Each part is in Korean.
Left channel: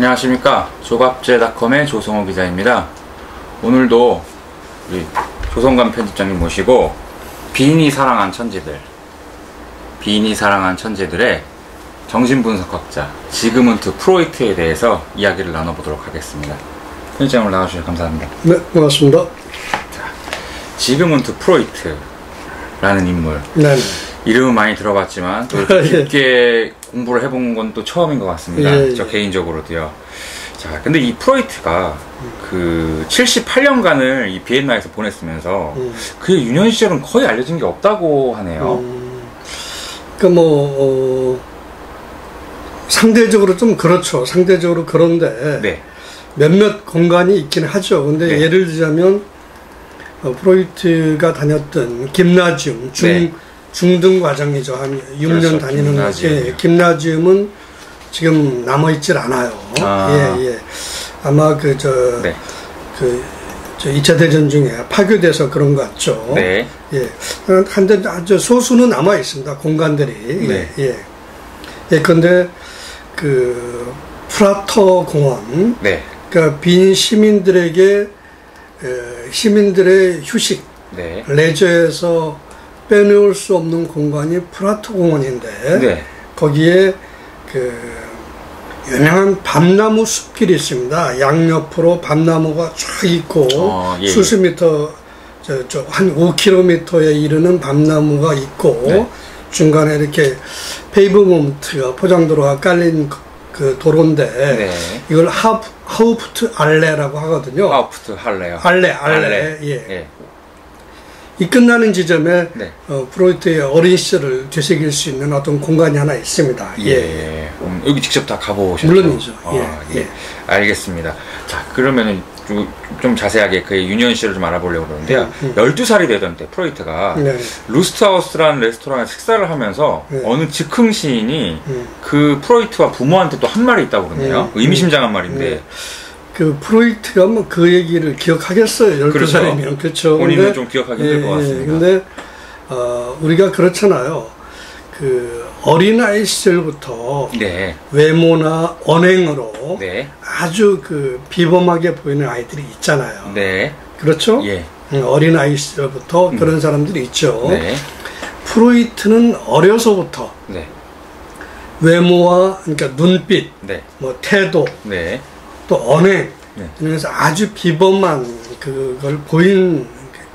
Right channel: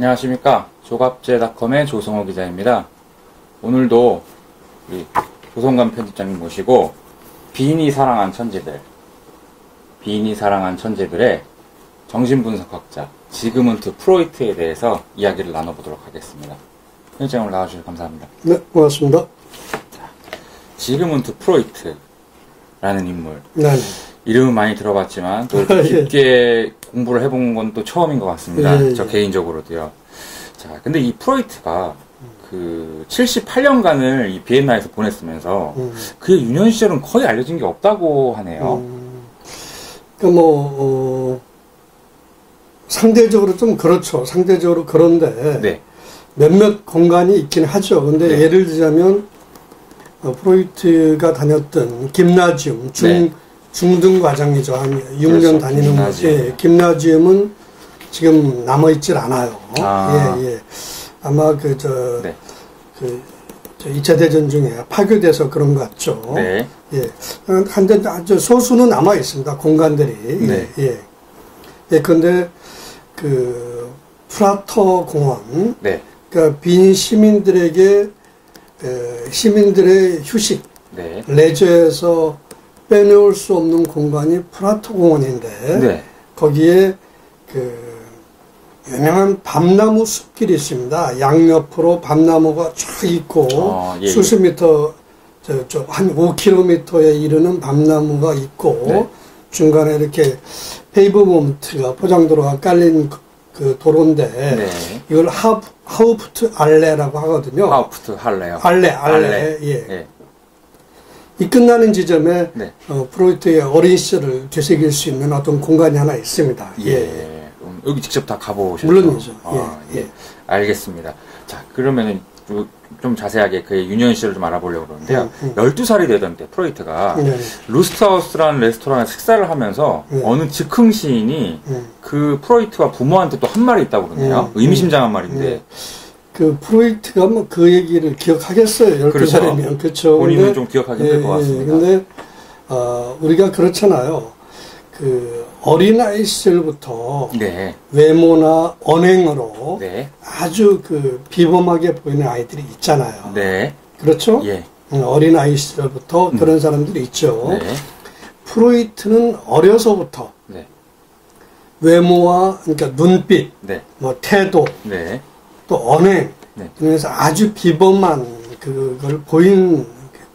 안녕하십니까. 조갑제닷컴의 조성호 기자입니다. 오늘도 우리 조성관 편집장님 모시고 빈이 사랑한 천재들의 정신분석학자 지그문트 프로이트에 대해서 이야기를 나눠보도록 하겠습니다. 편집장 오늘 나와주셔서 감사합니다. 네, 고맙습니다. 자, 지그문트 프로이트라는 인물. 네. 이름은 많이 들어봤지만 또 이렇게 깊게 공부를 해본 건 또 처음인 것 같습니다. 저 개인적으로도요. 자, 근데 이 프로이트가 그 78년간을 이 비엔나에서 보냈으면서 그의 유년 시절은 거의 알려진 게 없다고 하네요. 그러니까 상대적으로 좀 그렇죠. 상대적으로 그런데 네. 몇몇 공간이 있긴 하죠. 근데 네. 예를 들자면 프로이트가 다녔던 김나지움 중등 과정이죠. 한 6년 그렇죠. 다니는 김나지움이요. 김나지움은 지금 남아있질 않아요. 예. 아마 그 2차 대전 중에 파괴돼서 그런 것 같죠. 네. 예. 한데 아주 소수는 남아 있습니다. 공간들이. 네. 근데 그 프라터 공원, 네. 그러니까 빈 시민들에게 시민들의 휴식, 네. 레저에서 빼놓을 수 없는 공간이 프라터 공원인데 네. 거기에 그 유명한 밤나무 숲길이 있습니다. 양옆으로 밤나무가 쫙 있고 수십 미터 한 5km에 이르는 밤나무가 있고 네. 중간에 이렇게 페이브먼트가 포장도로가 깔린 그 도로인데 네. 이걸 하우프트 알레라고 하거든요. 하우프트 할레요. 알레. 예. 이 끝나는 지점에 네. 프로이트의 어린 시절을 되새길 수 있는 어떤 공간이 하나 있습니다. 예. 여기 직접 다 가보셨죠? 물론이죠. 예. 알겠습니다. 자, 그러면은 좀 자세하게 그의 유년 시절을 좀 알아보려고 그러는데요. 12살이 되던 때 프로이트가 루스트하우스라는 레스토랑에서 식사를 하면서 어느 즉흥 시인이 그 프로이트와 부모한테 또 한 말이 있다고 그러네요. 의미심장한 말인데 그 프로이트가 뭐 그 얘기를 기억하겠어요. 12살이면. 그렇죠. 본인은 좀 기억하기 힘들 것 같습니다. 근데 우리가 그렇잖아요. 그 어린아이 시절부터 네. 외모나 언행으로 네. 아주 그 비범하게 보이는 아이들이 있잖아요. 네. 그렇죠? 예. 어린아이 시절부터 그런 사람들이 있죠. 네. 프로이트는 어려서부터 네. 외모와 그러니까 눈빛, 네. 뭐 태도, 네. 또 언행, 네. 그래서 아주 비범한 그걸 보인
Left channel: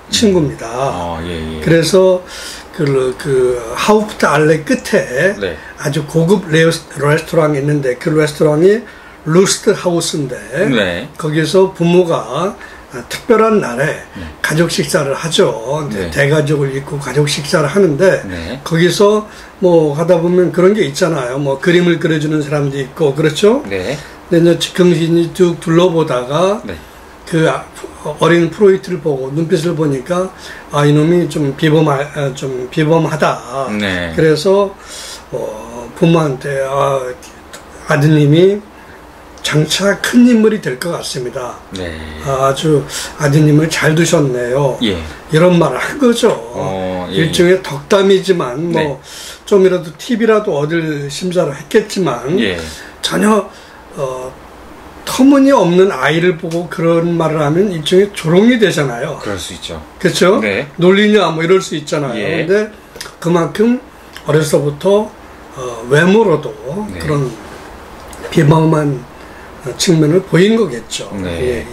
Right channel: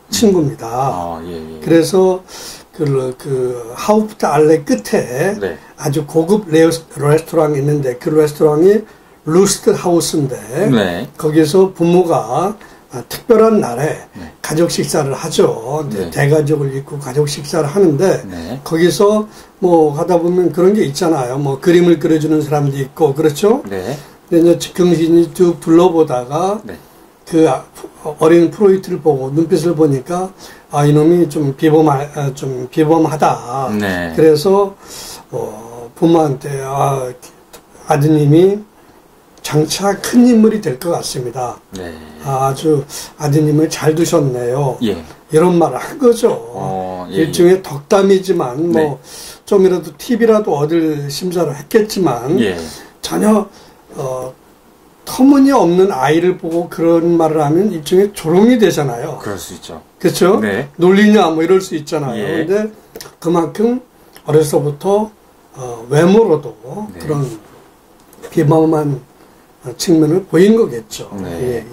친구입니다. 예. 그래서 그 하우프트 알레 끝에 네. 아주 고급 레스토랑이 있는데 그 레스토랑이 루스트 하우스인데 네. 거기서 부모가 특별한 날에 가족 식사를 하죠. 네. 대가족을 입고 가족 식사를 하는데 네. 거기서 뭐 가다 보면 그런 게 있잖아요. 뭐 그림을 그려주는 사람도 있고 그렇죠. 네. 근데 이제 즉흥신이 쭉 둘러보다가 네. 그 어린 프로이트를 보고 눈빛을 보니까 이놈이 좀 비범하다. 네. 그래서 부모한테 아드님이 장차 큰 인물이 될 것 같습니다. 네. 아주 아드님을 잘 두셨네요. 예. 이런 말을 한 거죠. 예. 일종의 덕담이지만 뭐 좀이라도 팁이라도 얻을 심사를 했겠지만 전혀 터무니없는 아이를 보고 그런 말을 하면 일종의 조롱이 되잖아요. 그럴 수 있죠. 그렇죠? 네. 놀리냐 뭐 이럴 수 있잖아요. 근데 그만큼 어려서부터 외모로도 그런 비범한 측면을 보인 거겠죠. 네.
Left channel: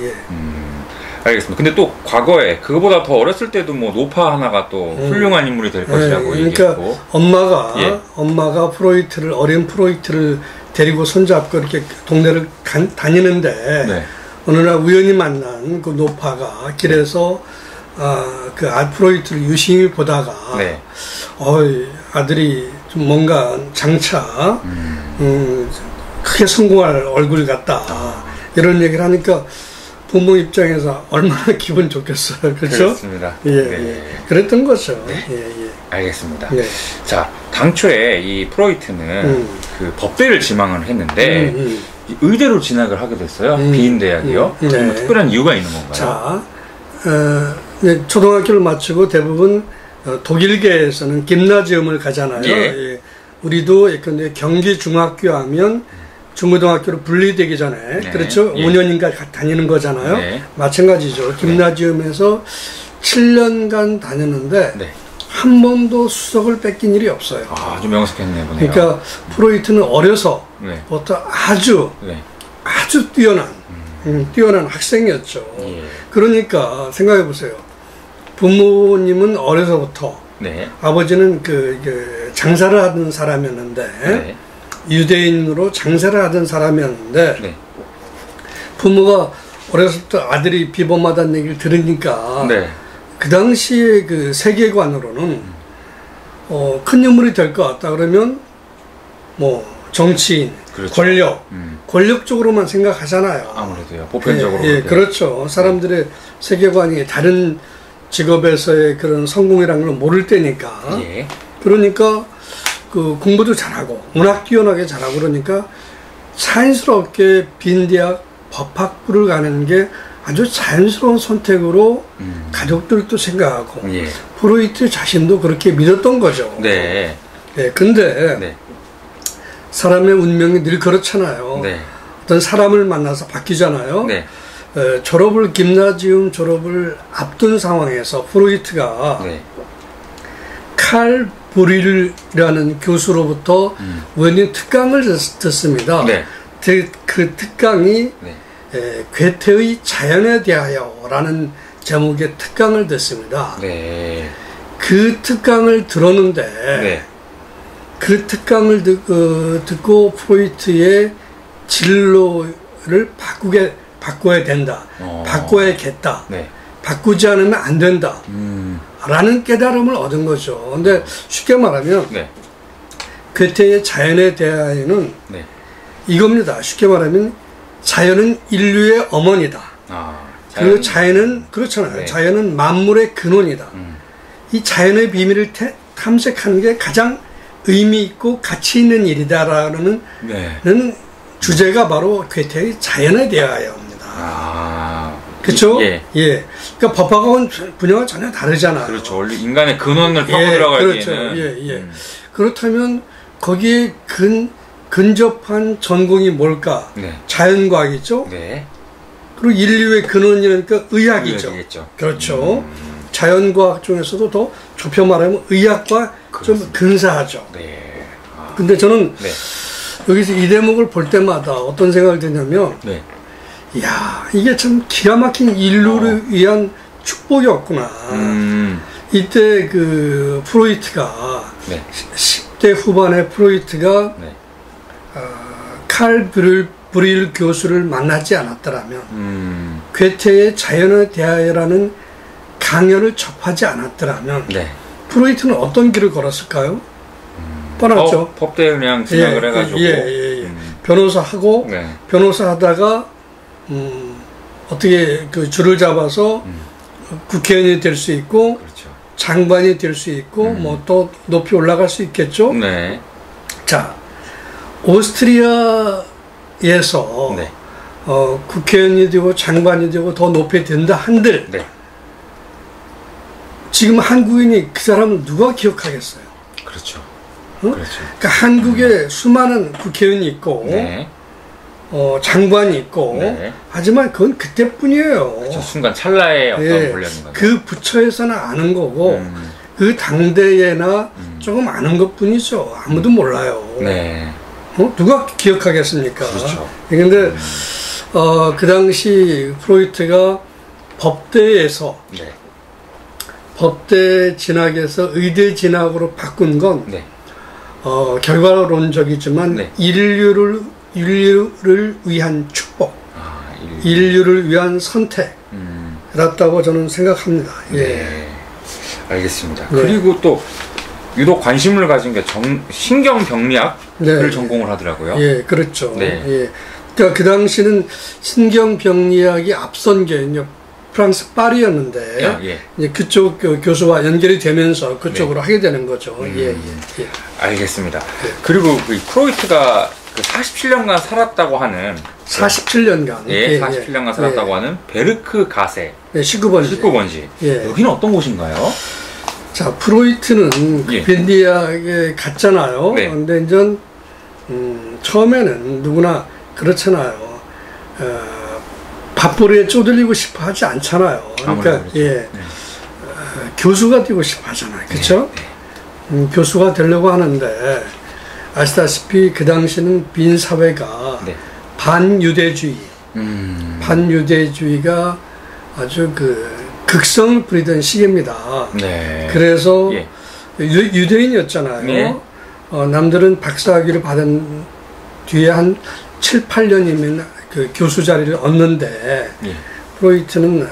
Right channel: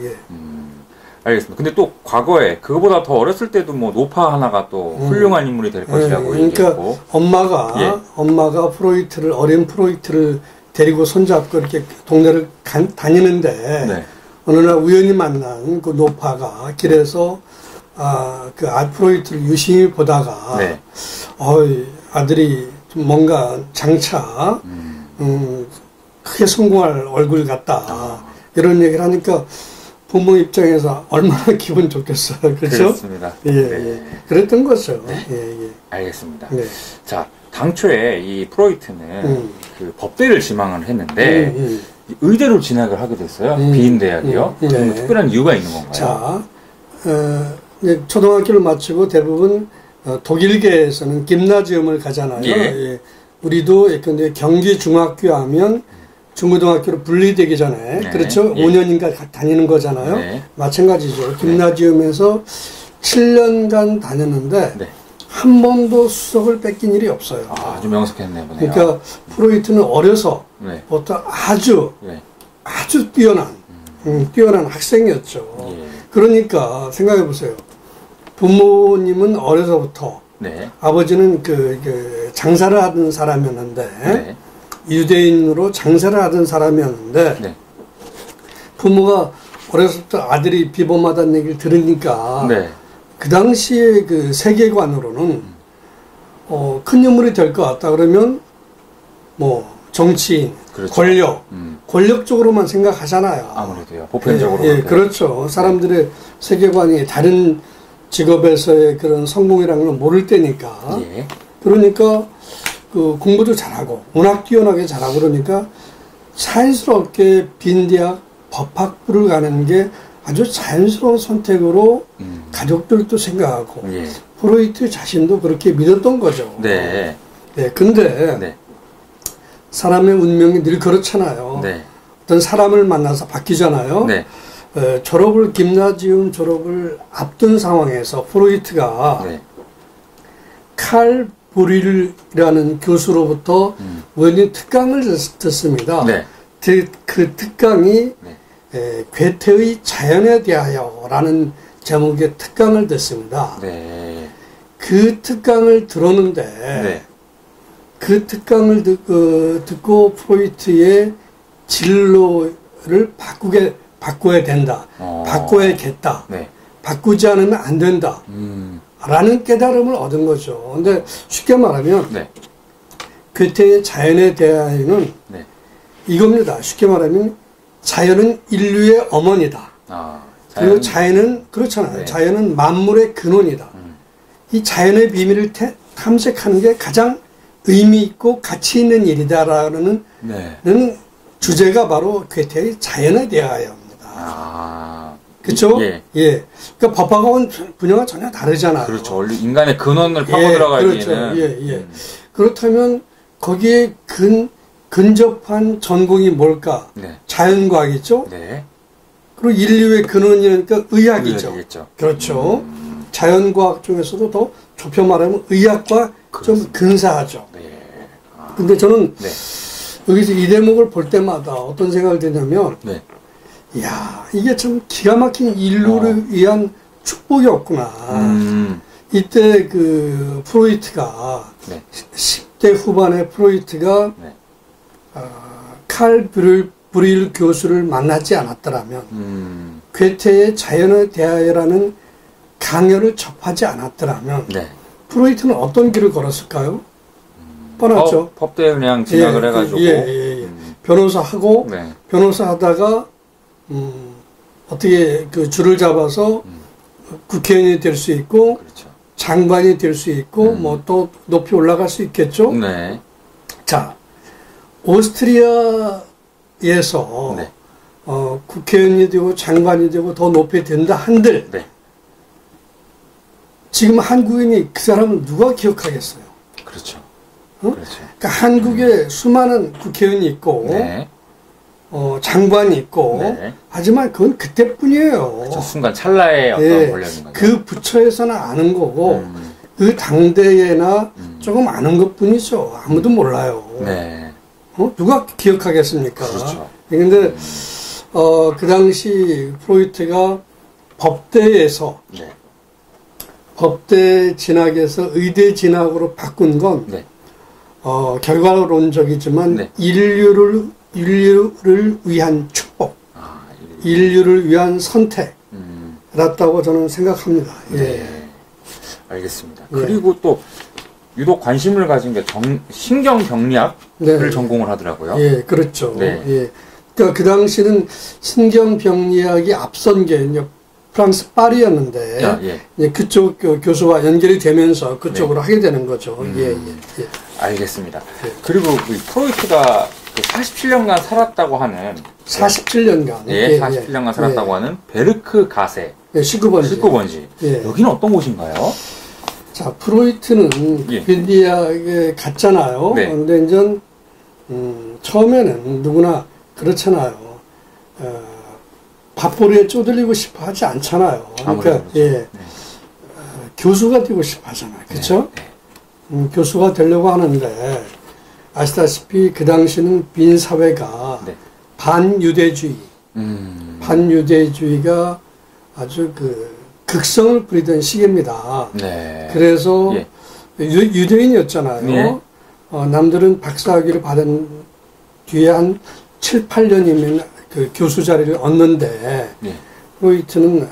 알겠습니다. 근데 또 과거에 그거보다 더 어렸을 때도 뭐 노파 하나가 또 훌륭한 인물이 될 것이라고 얘기했고 그러니까 엄마가 어린 프로이트를 데리고 손잡고 이렇게 동네를 다니는데 어느 날 우연히 만난 그 노파가 길에서 그 프로이트를 유심히 보다가 아들이 좀 뭔가 장차 크게 성공할 얼굴 같다 이런 얘기를 하니까 부모 입장에서 얼마나 기분 좋겠어요. 그렇죠? 그렇습니다. 그랬던 거죠. 알겠습니다. 자, 당초에 이 프로이트는 그 법대를 지망을 했는데 의대로 진학을 하게 됐어요. 비인대학이요. 뭐 특별한 이유가 있는 건가요? 자, 초등학교를 마치고 대부분 독일계에서는 김나지움을 가잖아요. 우리도 예컨대 경기 중학교 하면 중고등학교로 분리되기 전에 네. 그렇죠. 예. 5년인가 다니는 거잖아요. 네. 마찬가지죠. 김나지움에서 7년간 다녔는데 네. 한 번도 수석을 뺏긴 일이 없어요. 아, 아주 명석했네 보네요. 그러니까 프로이트는 어려서 네. 부터 아주 네. 뛰어난 학생이었죠. 예. 그러니까 생각해 보세요. 부모님은 어려서부터 네. 아버지는 그 장사를 하던 사람이었는데 네. 유대인으로 장사를 하던 사람이었는데 네. 부모가 어렸을 때 아들이 비범하다는 얘기를 들으니까 네. 그 당시의 그 세계관으로는 큰 인물이 될 것 같다 그러면 뭐 정치인, 그렇죠. 권력 쪽으로만 생각하잖아요. 아무래도요. 보편적으로. 예, 그렇죠. 사람들의 세계관이 다른 직업에서의 그런 성공이라는 걸 모를 때니까. 예. 그러니까 그 공부도 잘하고 워낙 뛰어나게 잘하고 그러니까 자연스럽게 빈대학 법학부를 가는 게 아주 자연스러운 선택으로 가족들도 생각하고 예. 프로이트 자신도 그렇게 믿었던 거죠. 네. 예, 근데 네. 사람의 운명이 늘 그렇잖아요. 네. 어떤 사람을 만나서 바뀌잖아요. 네. 김나지움 졸업을 앞둔 상황에서 프로이트가 네. 칼 브릴이라는 교수로부터 원인 특강을 듣습니다. 네. 그 특강이 네. 괴테의 자연에 대하여라는 제목의 특강을 듣습니다. 네. 그 특강을 들었는데 네. 그 특강을 듣고 프로이트의 진로를 바꿔야 된다. 바꿔야겠다. 네. 바꾸지 않으면 안 된다. 라는 깨달음을 얻은 거죠. 근데 쉽게 말하면 네. 괴테의 자연에 대하여는 네. 이겁니다. 쉽게 말하면 자연은 인류의 어머니다. 그리고 자연은 그렇잖아요. 네. 자연은 만물의 근원이다. 이 자연의 비밀을 탐색하는 게 가장 의미 있고 가치 있는 일이다라는 네. 주제가 바로 괴테의 자연에 대하여입니다. 그렇죠? 예. 예. 그러니까 법학은 분야가 전혀 다르잖아요. 그렇죠. 원래 인간의 근원을 파고 들어가기에는. 그렇죠. 예. 그렇다면 거기에 근접한 전공이 뭘까? 네. 자연과학이죠. 네. 그리고 인류의 근원이니까 의학이죠. 의학이겠죠. 그렇죠. 자연과학 중에서도 더 좁혀 말하면 의학과 좀 근사하죠. 네. 근데 저는 네. 여기서 이 대목을 볼 때마다 어떤 생각이 드냐면, 네. 이야, 이게 참 기가 막힌 인류를 위한 축복이었구나. 이때 그 프로이트가, 네. 10대 후반에 프로이트가 네. 칼 브릴 교수를 만나지 않았더라면, 괴테의 자연에 대하여라는 강연을 접하지 않았더라면, 네. 프로이트는 어떤 길을 걸었을까요? 뻔하죠. 법대에 그냥 진학을 해가지고. 변호사하고, 네. 변호사 하다가, 어떻게 그 줄을 잡아서 국회의원이 될 수 있고, 그렇죠. 장관이 될 수 있고, 뭐 또 높이 올라갈 수 있겠죠? 네. 자, 오스트리아에서, 네. 국회의원이 되고 장관이 되고 더 높이 된다 한들, 네. 지금 한국인이 그 사람은 누가 기억하겠어요? 그렇죠. 그렇죠. 그렇죠. 한국에 수많은 국회의원이 있고, 네. 장관이 있고, 네. 하지만 그건 그때뿐이에요. 저 순간 찰나의 어떤 예, 권력인 거죠. 그 부처에서는 아는 거고, 그 당대에나 조금 아는 것 뿐이죠. 아무도 몰라요. 네. 누가 기억하겠습니까? 그렇죠. 근데, 그 당시 프로이트가 법대에서, 네. 법대 진학에서 의대 진학으로 바꾼 건, 네. 결과론적이지만, 네. 인류를 위한 축복, 인류를 위한 선택이었다고 저는 생각합니다. 예. 네. 알겠습니다. 네. 그리고 또 유독 관심을 가진 게 신경병리학을 네. 전공을 하더라고요. 예, 그렇죠. 네. 예. 그러니까 그 당시는 신경병리학이 앞선 게 이제 프랑스 파리였는데 예. 이제 그쪽 교수와 연결이 되면서 그쪽으로 하게 되는 거죠. 예. 알겠습니다. 그리고 그 프로이트가 그 47년간 살았다고 하는 47년간 47년간 살았다고 하는 베르크 가세 19번지. 예. 여기는 어떤 곳인가요? 자, 프로이트는 빈디아에 갔잖아요. 네. 근데 이제 처음에는 누구나 그렇잖아요. 밥벌이에 쪼들리고 싶어 하지 않잖아요. 그러니까, 그렇죠. 예. 교수가 되고 싶어 하잖아요. 그쵸? 네. 교수가 되려고 하는데, 아시다시피 그 당시는 빈 사회가 네. 반유대주의가 아주 극성을 부리던 시기입니다. 네. 그래서 유대인이었잖아요. 네. 남들은 박사학위를 받은 뒤에 한 7, 8년이면 그 교수 자리를 얻는데 네. 프로이트는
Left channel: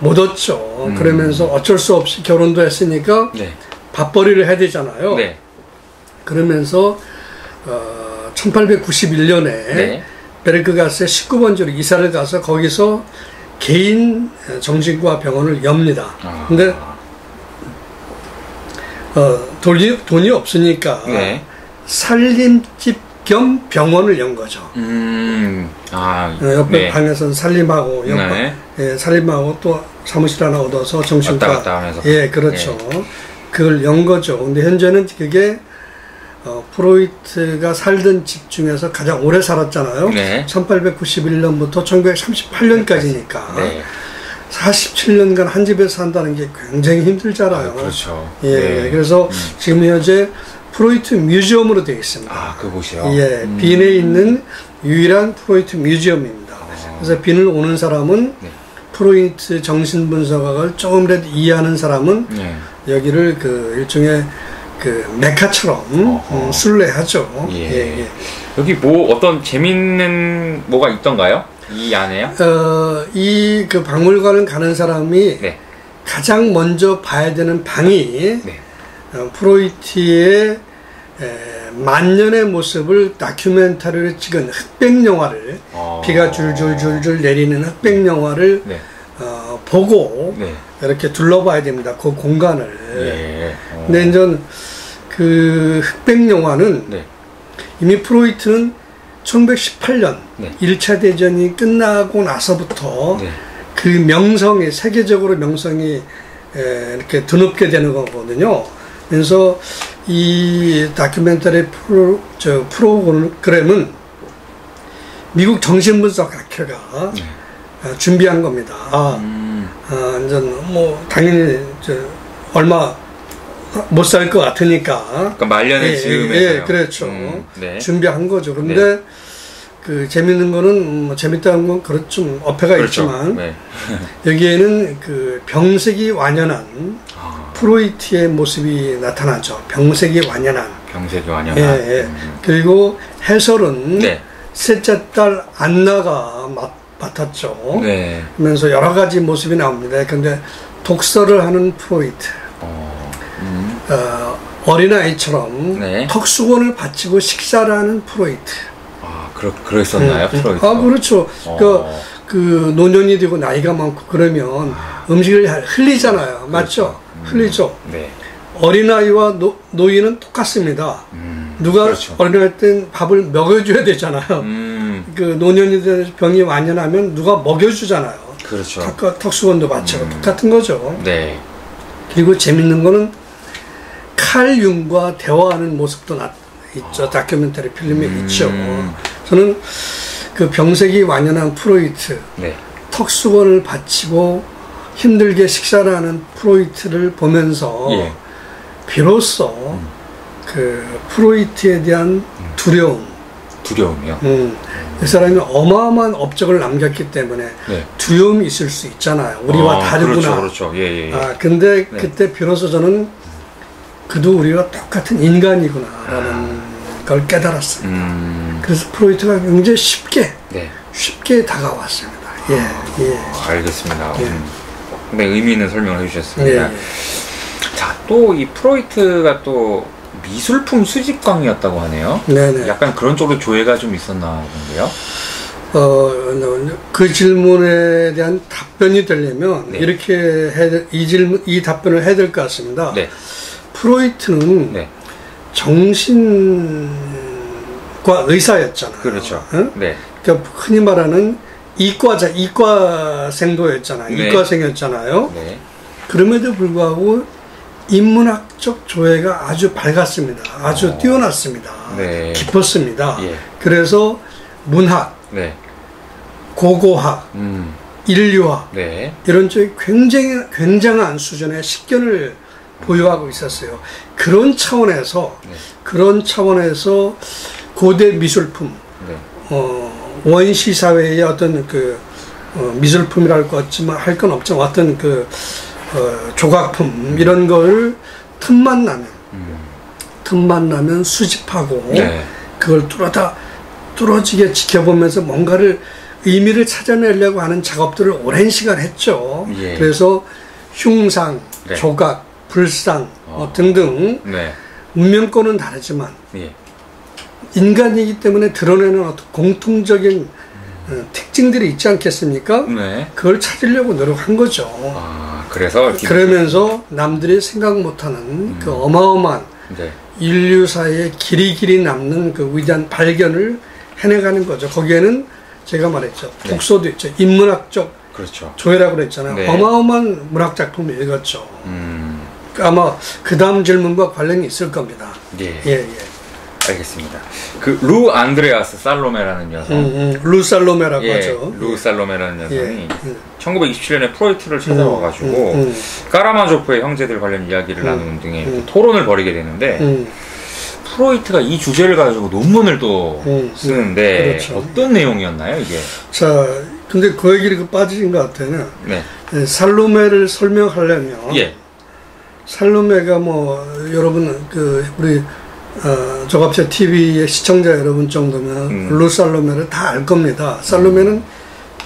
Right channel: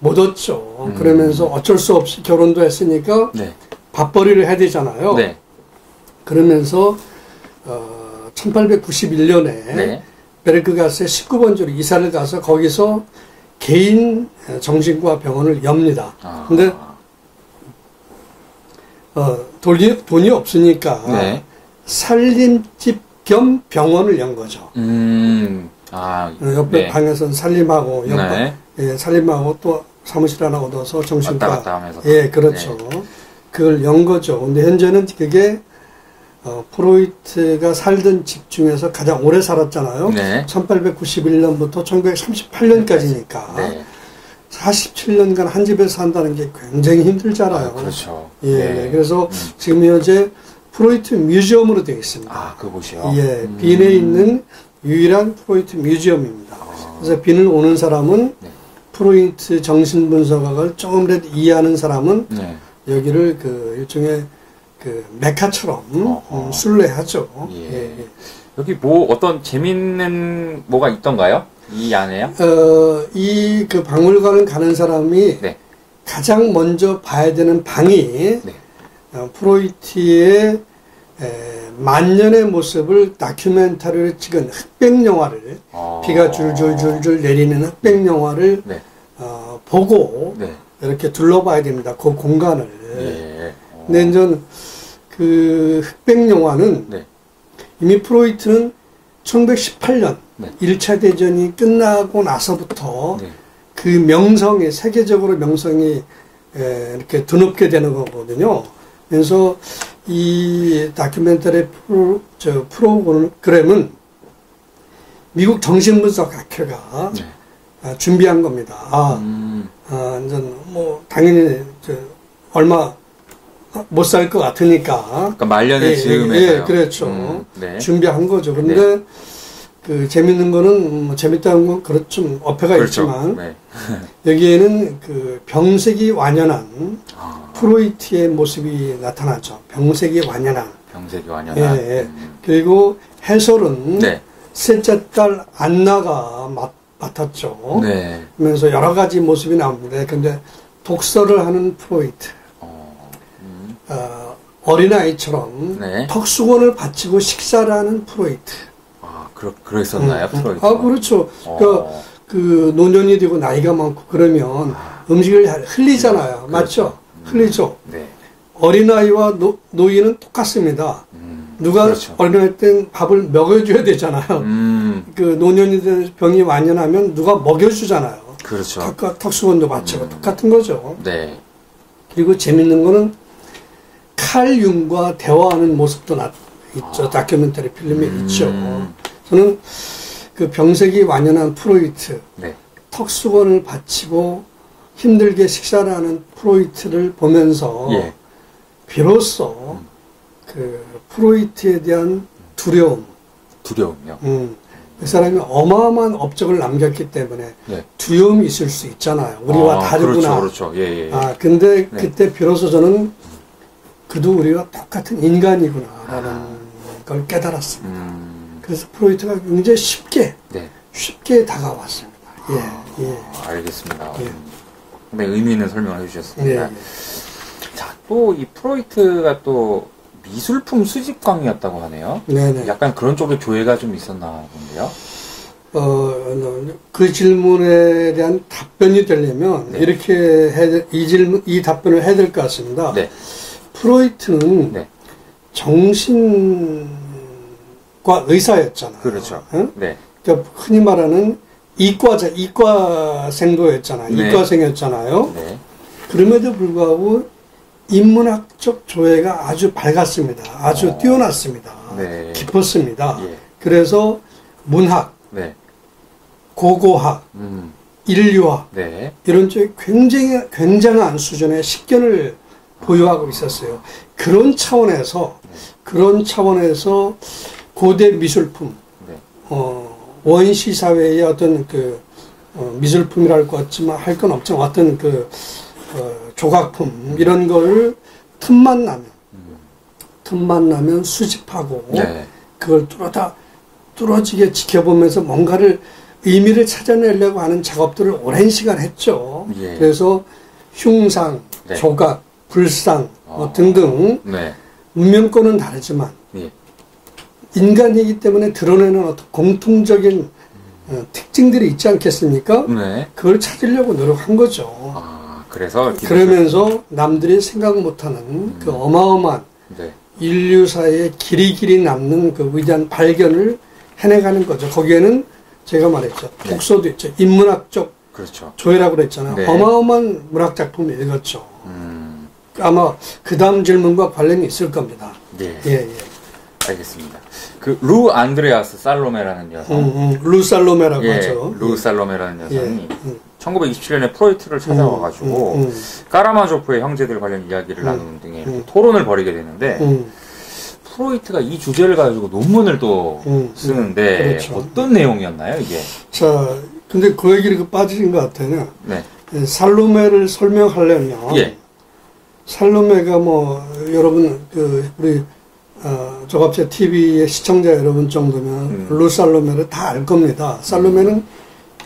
못 얻죠. 그러면서 어쩔 수 없이 결혼도 했으니까 네. 밥벌이를 해야 되잖아요. 네. 그러면서 1891년에 네. 베르크가스의 19번지로 이사를 가서 거기서 개인 정신과 병원을 엽니다. 근데 돈이 없으니까 네. 살림집 겸 병원을 연 거죠. 옆에 네. 방에서 살림하고 네. 살림하고 또 사무실 하나 얻어서 정신과 왔다 갔다 하면서. 예, 그렇죠. 그걸 연 거죠. 근데 현재는 그게 프로이트가 살던 집 중에서 가장 오래 살았잖아요. 네. 1891년부터 1938년까지니까. 네. 47년간 한 집에서 산다는 게 굉장히 힘들잖아요. 그렇죠. 예, 네. 그래서 지금 현재 프로이트 뮤지엄으로 되어 있습니다. 그곳이요? 예, 빈에 있는 유일한 프로이트 뮤지엄입니다. 그래서 빈을 오는 사람은 네. 프로이트 정신분석학을 조금이라도 이해하는 사람은 여기를 일종의 메카처럼 순례하죠. 예. 여기 어떤 재밌는 뭐가 있던가요? 이 안에요? 이 박물관을 가는 사람이 가장 먼저 봐야 되는 방이 프로이트의 만년의 모습을 다큐멘터리로 찍은 흑백 영화를 비가 줄줄줄줄 내리는 흑백 영화를 보고 이렇게 둘러봐야 됩니다. 그 공간을. 근데 이제 그 흑백 영화는 이미 프로이트는 1918년 1차 대전이 끝나고 나서부터 그 명성이 세계적으로 명성이 이렇게 드높게 되는 거거든요. 그래서 이 다큐멘터리 프로그램은 미국 정신분석학회가 준비한 겁니다. 이제 당연히 얼마 못 살 것 같으니까. 그러니까 말년의 즈음에서요. 그렇죠. 준비한 거죠. 그런데 재밌는 거는 재밌다는 건 좀 어폐가 있지만 여기에는 병색이 완연한 프로이트의 모습이 나타나죠. 병색이 완연한. 그리고 해설은 셋째 딸 안나가 맡았죠. 그러면서 여러 가지 모습이 나옵니다. 그런데 독서를 하는 프로이트. 어린아이처럼 턱수건을 받치고 식사를 하는 프로이트. 그랬었나요? 프로이트? 그렇죠. 그 노년이 되고 나이가 많고 그러면 음식을 흘리잖아요. 맞죠? 흘리죠. 어린아이와 노인은 똑같습니다. 누가 어린아이 때는 밥을 먹여줘야 되잖아요. 그 노년이 되는 병이 완연하면 누가 먹여주잖아요. 그렇죠. 턱수건도 받치고 똑같은 거죠. 그리고 재밌는 거는 칼 융과 대화하는 모습도 있죠. 다큐멘터리 필름에 있죠. 저는 그 병색이 완연한 프로이트, 턱수건을 받치고 힘들게 식사를 하는 프로이트를 보면서 비로소 그 프로이트에 대한 두려움이요? 그 사람이 어마어마한 업적을 남겼기 때문에 두려움이 있을 수 있잖아요. 우리와 다르구나. 그렇죠. 근데 그때 비로소 저는 그도 우리가 똑같은 인간이구나라는 걸 깨달았습니다. 그래서 프로이트가 굉장히 쉽게 다가왔습니다. 알겠습니다. 굉장히 의미 있는 설명을 해주셨습니다. 자, 또 이 프로이트가 또 미술품 수집광이었다고 하네요. 약간 그런 쪽으로 조예가 좀 있었나 본데요. 그 질문에 대한 답변이 되려면 이렇게 이 답변을 해야 될 것 같습니다. 프로이트는 정신과 의사였잖아요. 그렇죠. 그러니까 흔히 말하는 이과생도였잖아요. 이과생이었잖아요. 그럼에도 불구하고 인문학적 조예가 아주 밝았습니다. 아주 뛰어났습니다. 네. 깊었습니다. 예. 그래서 문학, 네. 고고학, 인류학 네. 이런 쪽에 굉장한 수준의 식견을 보유하고 있었어요. 그런 차원에서 고대 미술품, 원시 사회의 어떤 미술품이랄 것 같지만 할 건 없지만 어떤 조각품 이런 걸 틈만 나면 수집하고 네. 그걸 뚫어지게 지켜보면서 뭔가를 의미를 찾아내려고 하는 작업들을 오랜 시간 했죠. 예. 그래서 흉상, 네. 조각, 불상 등등 네. 문명권은 다르지만 예. 인간이기 때문에 드러내는 어떤 공통적인 특징들이 있지 않겠습니까? 네. 그걸 찾으려고 노력한 거죠. 그러면서 남들이 생각 못하는 그 어마어마한 네. 인류사에 길이 남는 그 위대한 발견을 해내가는 거죠. 거기에는 제가 말했죠. 독서도 있죠. 인문학적 그렇죠. 조예라고 그랬잖아요. 네. 어마어마한 문학작품을 읽었죠. 아마 그 다음 질문과 관련이 있을 겁니다. 예. 알겠습니다. 루 안드레아스 살로메라는 여성. 루 살로메라고 하죠. 루 살로메라는 여성이 1927년에 프로이트를 찾아와가지고 까라마조프의 형제들 관련 이야기를 나누는 등의 토론을 벌이게 되는데 프로이트가 이 주제를 가지고 논문을 또 쓰는데 그렇죠. 어떤 내용이었나요, 이게? 자, 근데 그 얘기를 빠진 것 같아요. 네. 살로메를 설명하려면 살로메가 여러분 우리 조갑제 TV의 시청자 여러분 정도면 루 살로메를 다 알 겁니다. 살로메는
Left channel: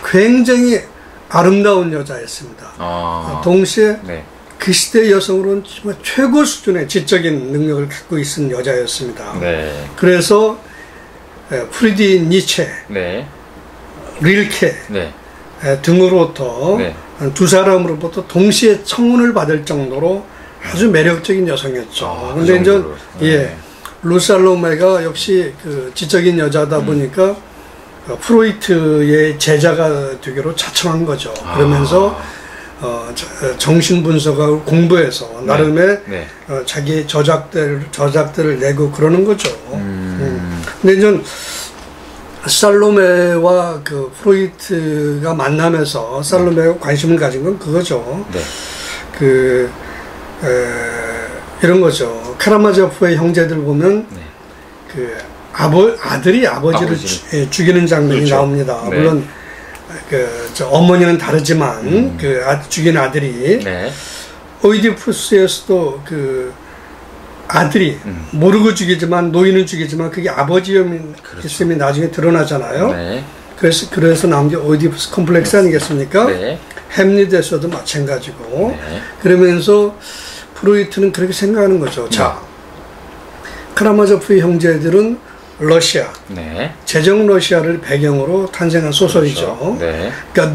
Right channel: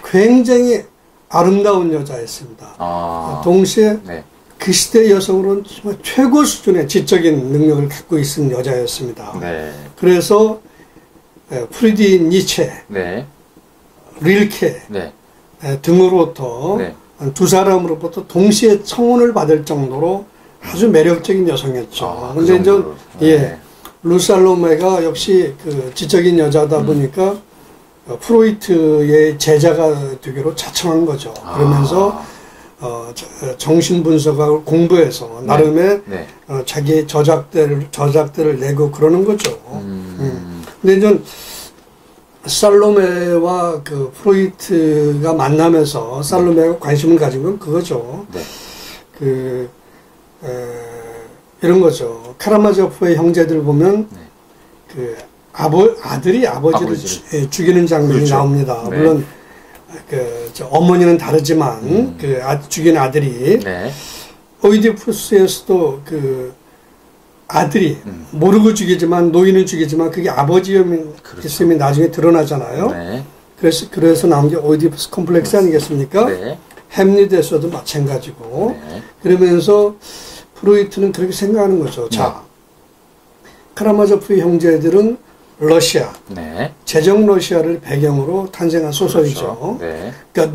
굉장히 아름다운 여자였습니다. 동시에 그 시대 여성으로는 정말 최고 수준의 지적인 능력을 갖고 있는 여자였습니다. 네. 그래서 프리디 니체, 릴케 등으로부터 두 사람으로부터 동시에 청혼을 받을 정도로 아주 매력적인 여성이었죠. 근데 이제 루 살로메가 역시 지적인 여자다 보니까 프로이트의 제자가 되기로 자청한 거죠. 그러면서 정신분석학을 공부해서 나름의 자기 저작들을 내고 그러는 거죠. 근데 이제 살로메와 프로이트가 만나면서 살로메가 관심을 가진 건 그거죠. 이런 거죠. 카라마조프의 형제들 보면 아들이 아버지를 죽이는 장면이 그렇죠. 나옵니다. 물론 어머니는 다르지만 죽인 아들이 오이디푸스에서도 아들이 모르고 죽이지만 노인은 죽이지만 그게 아버지였음이 나중에 드러나잖아요. 그래서 나온 게 오이디푸스 컴플렉스 아니겠습니까? 햄릿에서도 마찬가지고 그러면서 프로이트는 그렇게 생각하는 거죠. 자, 카라마조프의 형제들은 러시아, 제정 러시아를 배경으로 탄생한 소설이죠. 그렇죠. 그러니까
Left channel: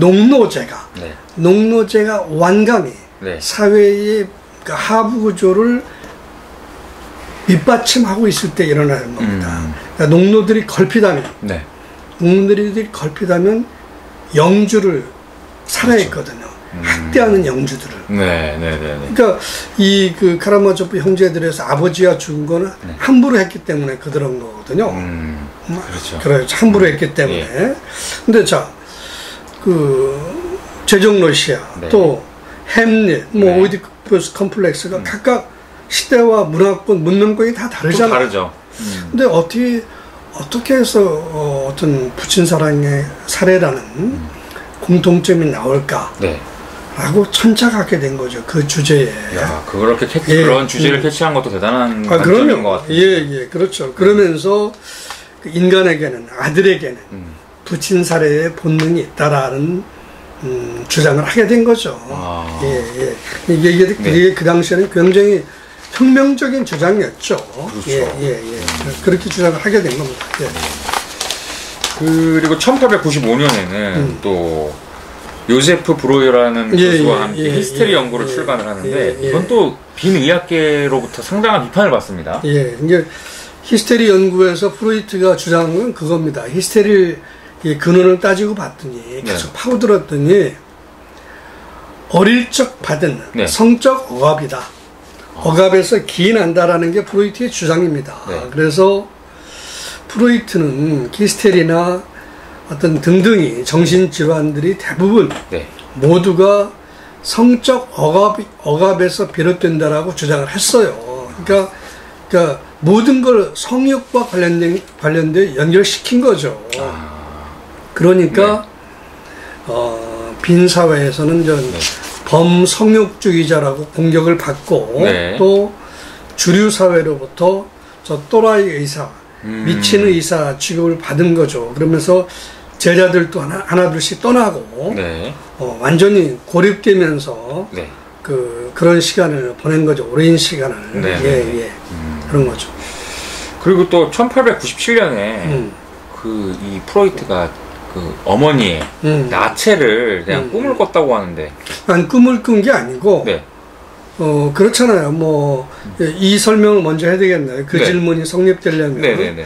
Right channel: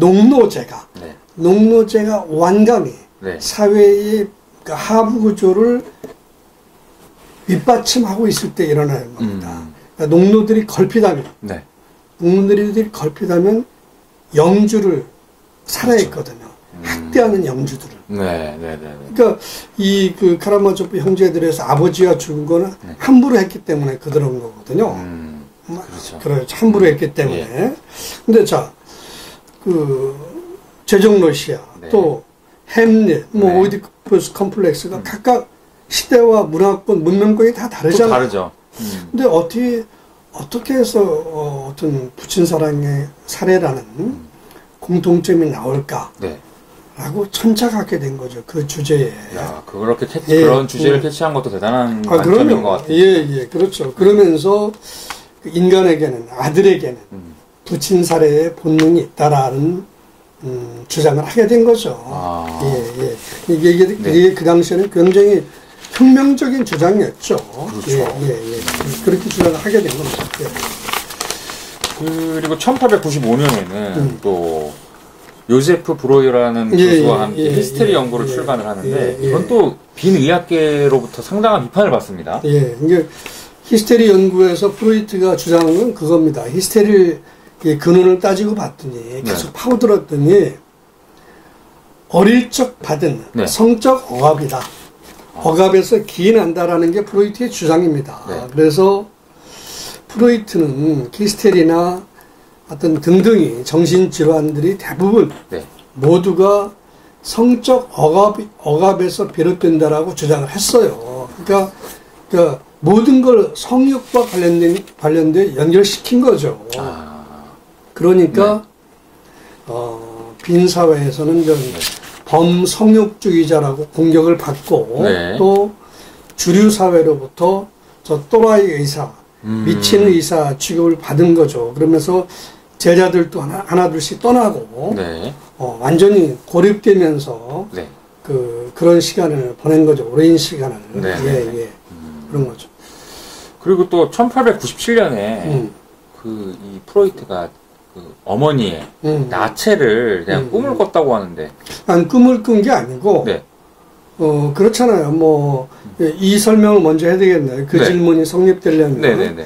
농노제가 완감히 사회의 하부 구조를 밑받침하고 있을 때 일어나는 겁니다. 그러니까 농노들이 걸핏하면 영주를 살해했거든요. 학대하는 영주들을. 그러니까 카라마조프 형제들에서 아버지가 죽은 거는 함부로 했기 때문에 그런 거거든요. 그렇죠. 함부로 했기 때문에. 근데 자, 제정 러시아, 또 햄릿, 오이디푸스 컴플렉스가 각각 시대와 문화권, 문명권이 다 다르잖아요. 다르죠. 근데 어떻게 해서 어떤 부친 사랑의 사례라는 공통점이 나올까? 라고 천착하게 된 거죠. 그 주제에. 야, 그렇게 그런 주제를 캐치한 것도 대단한 관점인 것 같아요. 그렇죠. 그러면서 인간에게는, 아들에게는 부친 사례의 본능이 있다라는 주장을 하게 된 거죠. 이게 그 당시에는 굉장히 혁명적인 주장이었죠. 그렇죠. 그렇게 주장을 하게 된 겁니다. 그리고 1895년에는 또 요제프 브로이어라는 교수와 함께 히스테리 연구를 출간을 하는데 이건 또 빈의학계로부터 상당한 비판을 받습니다. 이제 히스테리 연구에서 프로이트가 주장한 건 그겁니다. 히스테리의 근원을 따지고 봤더니 계속 파고들었더니 어릴 적 받은 성적 억압이다. 억압에서 기인한다라는 게 프로이트의 주장입니다. 네. 그래서 프로이트는 히스테리나 어떤 등등이 정신질환들이 대부분 네. 모두가 성적 억압에서 비롯된다라고 주장을 했어요. 그러니까 모든 걸 성욕과 관련된 연결시킨 거죠. 그러니까 빈 사회에서는 네. 범성욕주의자라고 공격을 받고 네. 또 주류 사회로부터 저 또라이 의사, 미친 의사 취급을 받은 거죠. 그러면서 제자들도 하나둘씩 떠나고 네. 완전히 고립되면서 네. 그런 시간을 보낸 거죠. 오랜 시간을. 네. 예. 그런 거죠. 그리고 또 1897년에 이 프로이트가 어머니의 나체를 그냥 꿈을 꿨다고 하는데. 아니, 꿈을 꾼 게 아니고. 네. 그렇잖아요. 이 설명을 먼저 해야 되겠네요. 그 네. 질문이 성립되려면. 네네네.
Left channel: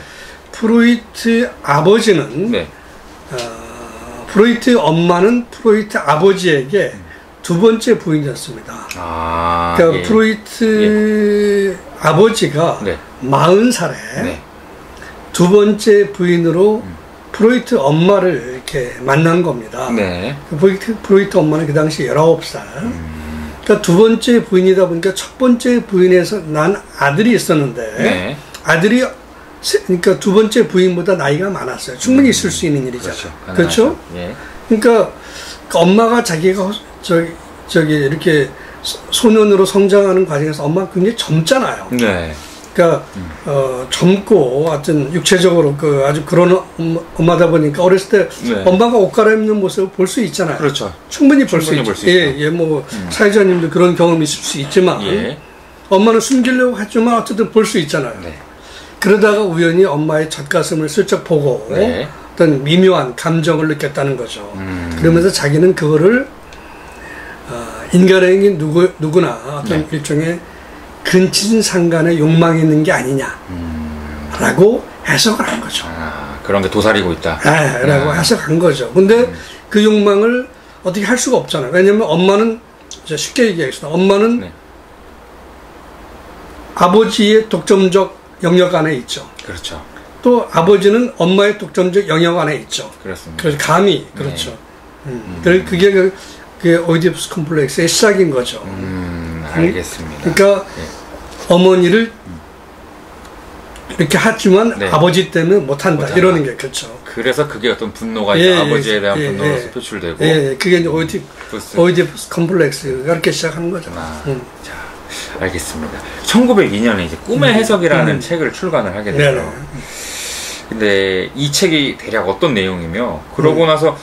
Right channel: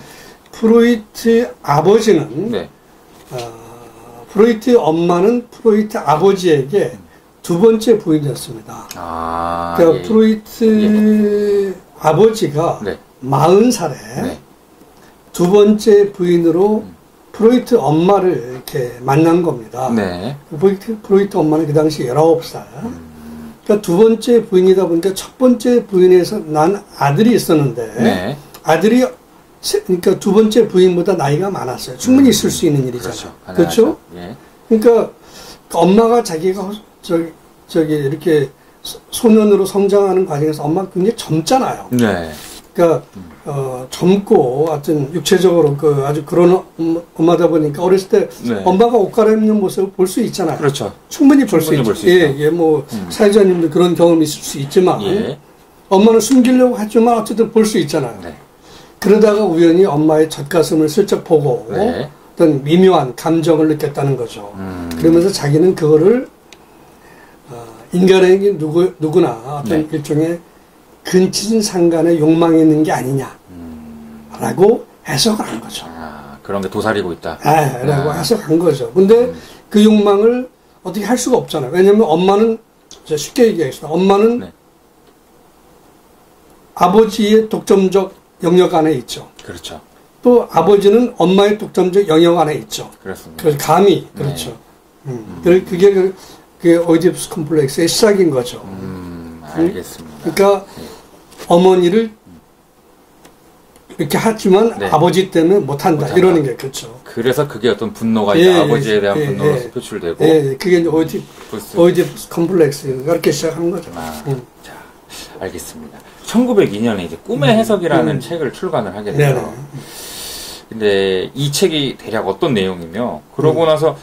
프로이트 아버지는, 네. 프로이트 엄마는 프로이트 아버지에게 두 번째 부인이었습니다. 그러니까 예. 프로이트 아버지가 네. 40살에 네. 두 번째 부인으로 프로이트 엄마를 이렇게 만난 겁니다. 네. 프로이트 엄마는 그 당시 19살. 그러니까 두 번째 부인이다 보니까 첫 번째 부인에서 난 아들이 있었는데 네. 아들이 그러니까 두 번째 부인보다 나이가 많았어요. 충분히 있을 수 있는 일이잖아요. 그렇죠? 예. 그러니까 엄마가 자기가 저기 이렇게 소년으로 성장하는 과정에서 엄마가 굉장히 젊잖아요. 네. 그러니까 젊고 하여튼 육체적으로 아주 그런 엄마다 보니까 어렸을 때 네. 엄마가 옷 갈아입는 모습을 볼 수 있잖아요. 그렇죠. 충분히 볼 수 있죠. 예, 사회자님도 그런 경험이 있을 수 있지만 예. 엄마는 숨기려고 하지만 어쨌든 볼 수 있잖아요. 네. 그러다가 우연히 엄마의 젖가슴을 슬쩍 보고 네. 어떤 미묘한 감정을 느꼈다는 거죠. 그러면서 자기는 그거를 인간에게 누구나 어떤 네. 일종의 근친상간의 욕망이 있는 게 아니냐라고 해석을 한 거죠. 그런 게 도사리고 있다. 네, 라고 해석한 거죠. 근데 그 욕망을 어떻게 할 수가 없잖아요. 왜냐면 엄마는 쉽게 얘기하겠습니다. 엄마는 네. 아버지의 독점적 영역 안에 있죠. 그렇죠. 또 아버지는 엄마의 독점적 영역 안에 있죠. 그렇습니다. 그래서 감히 그렇죠. 네. 그게 오이디푸스 컴플렉스의 시작인 거죠. 알겠습니다. 그러니까 네. 어머니를 이렇게 하지만 네. 아버지 때문에 못한다. 이러는 게 그렇죠. 그래서 그게 어떤 분노가 이제 아버지에 대한 분노로서 표출되고. 그게 이제 오이디푸스 컴플렉스가 이렇게 시작하는 거죠. 자, 알겠습니다. 1902년에 이제 꿈의 해석이라는 책을 출간을 하게 돼요. 근데 이 책이 대략 어떤 내용이며 그러고 나서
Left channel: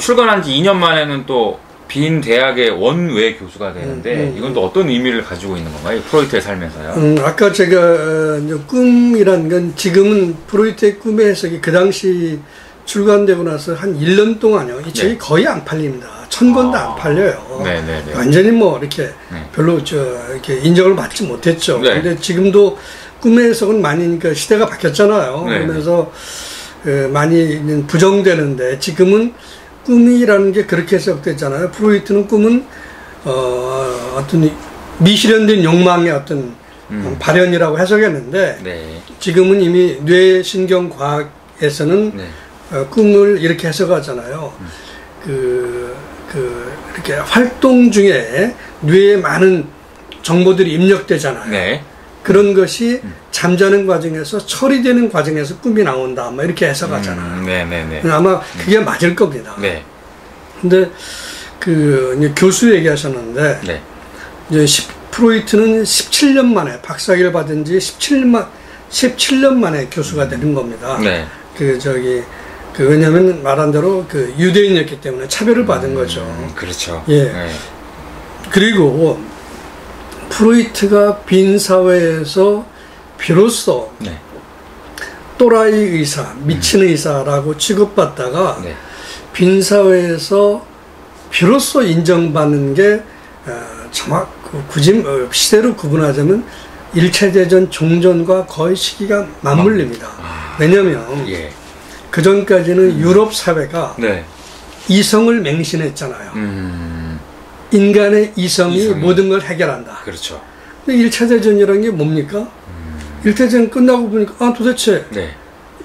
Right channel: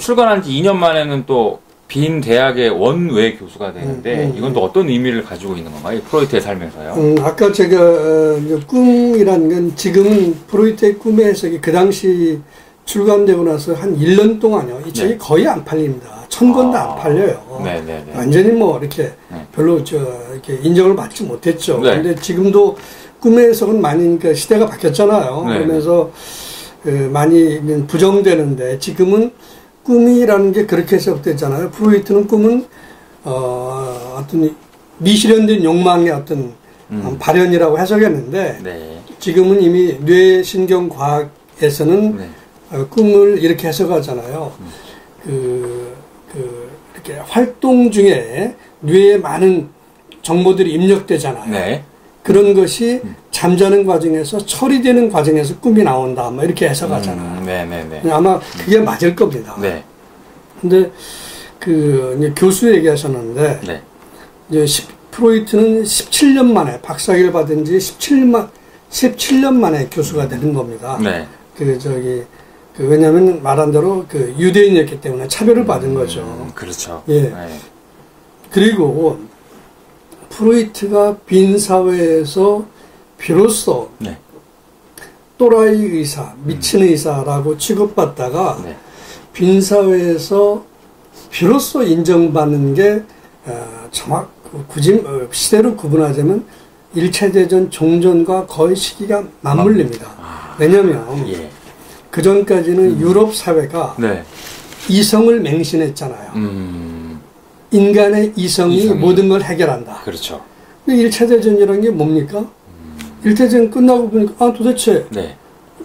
출간한 지 2년 만에는 또 빈 대학의 원외 교수가 되는데 이건 또 어떤 의미를 가지고 있는 건가요? 프로이트의 삶에서요? 아까 제가 꿈이라는 건 지금은 프로이트의 꿈의 해석이 그 당시 출간되고 나서 한 1년 동안요. 이 책이 네. 거의 안 팔립니다. 1000권도 안 팔려요. 네네네. 완전히 이렇게 별로 이렇게 인정을 받지 못했죠. 네. 근데 지금도 꿈의 해석은 많이 시대가 바뀌었잖아요. 네. 그러면서 많이 부정되는데 지금은 꿈이라는 게 그렇게 해석되잖아요. 프로이트는 꿈은 어떤 미실현된 욕망의 어떤 발현이라고 해석했는데 네. 지금은 이미 뇌신경과학에서는 네. 꿈을 이렇게 해석하잖아요. 이렇게 활동 중에 뇌에 많은 정보들이 입력되잖아요. 네. 그런 것이 잠자는 과정에서 처리되는 과정에서 꿈이 나온다. 이렇게 해석하잖아요. 네네네. 아마 그게 맞을 겁니다. 네. 근데 이제 교수 얘기하셨는데 네. 이제 프로이트는 17년 만에 박사학위를 받은 지 17년 만에 교수가 되는 겁니다. 네. 왜냐면 말한 대로 유대인이었기 때문에 차별을 받은 거죠. 그렇죠. 예. 네. 그리고 프로이트가 빈 사회에서 비로소 네. 또라이 의사, 미친 의사라고 취급받다가 네. 빈 사회에서 비로소 인정받는 게 굳이 시대로 구분하자면 1차 대전 종전과 거의 시기가 맞물립니다. 왜냐하면 예. 그 전까지는 유럽 사회가 네. 이성을 맹신했잖아요. 인간의 이성이 모든 걸 해결한다. 그렇죠. 근데 1차 대전이라는 게 뭡니까? 1차 대전 끝나고 보니까 도대체 네.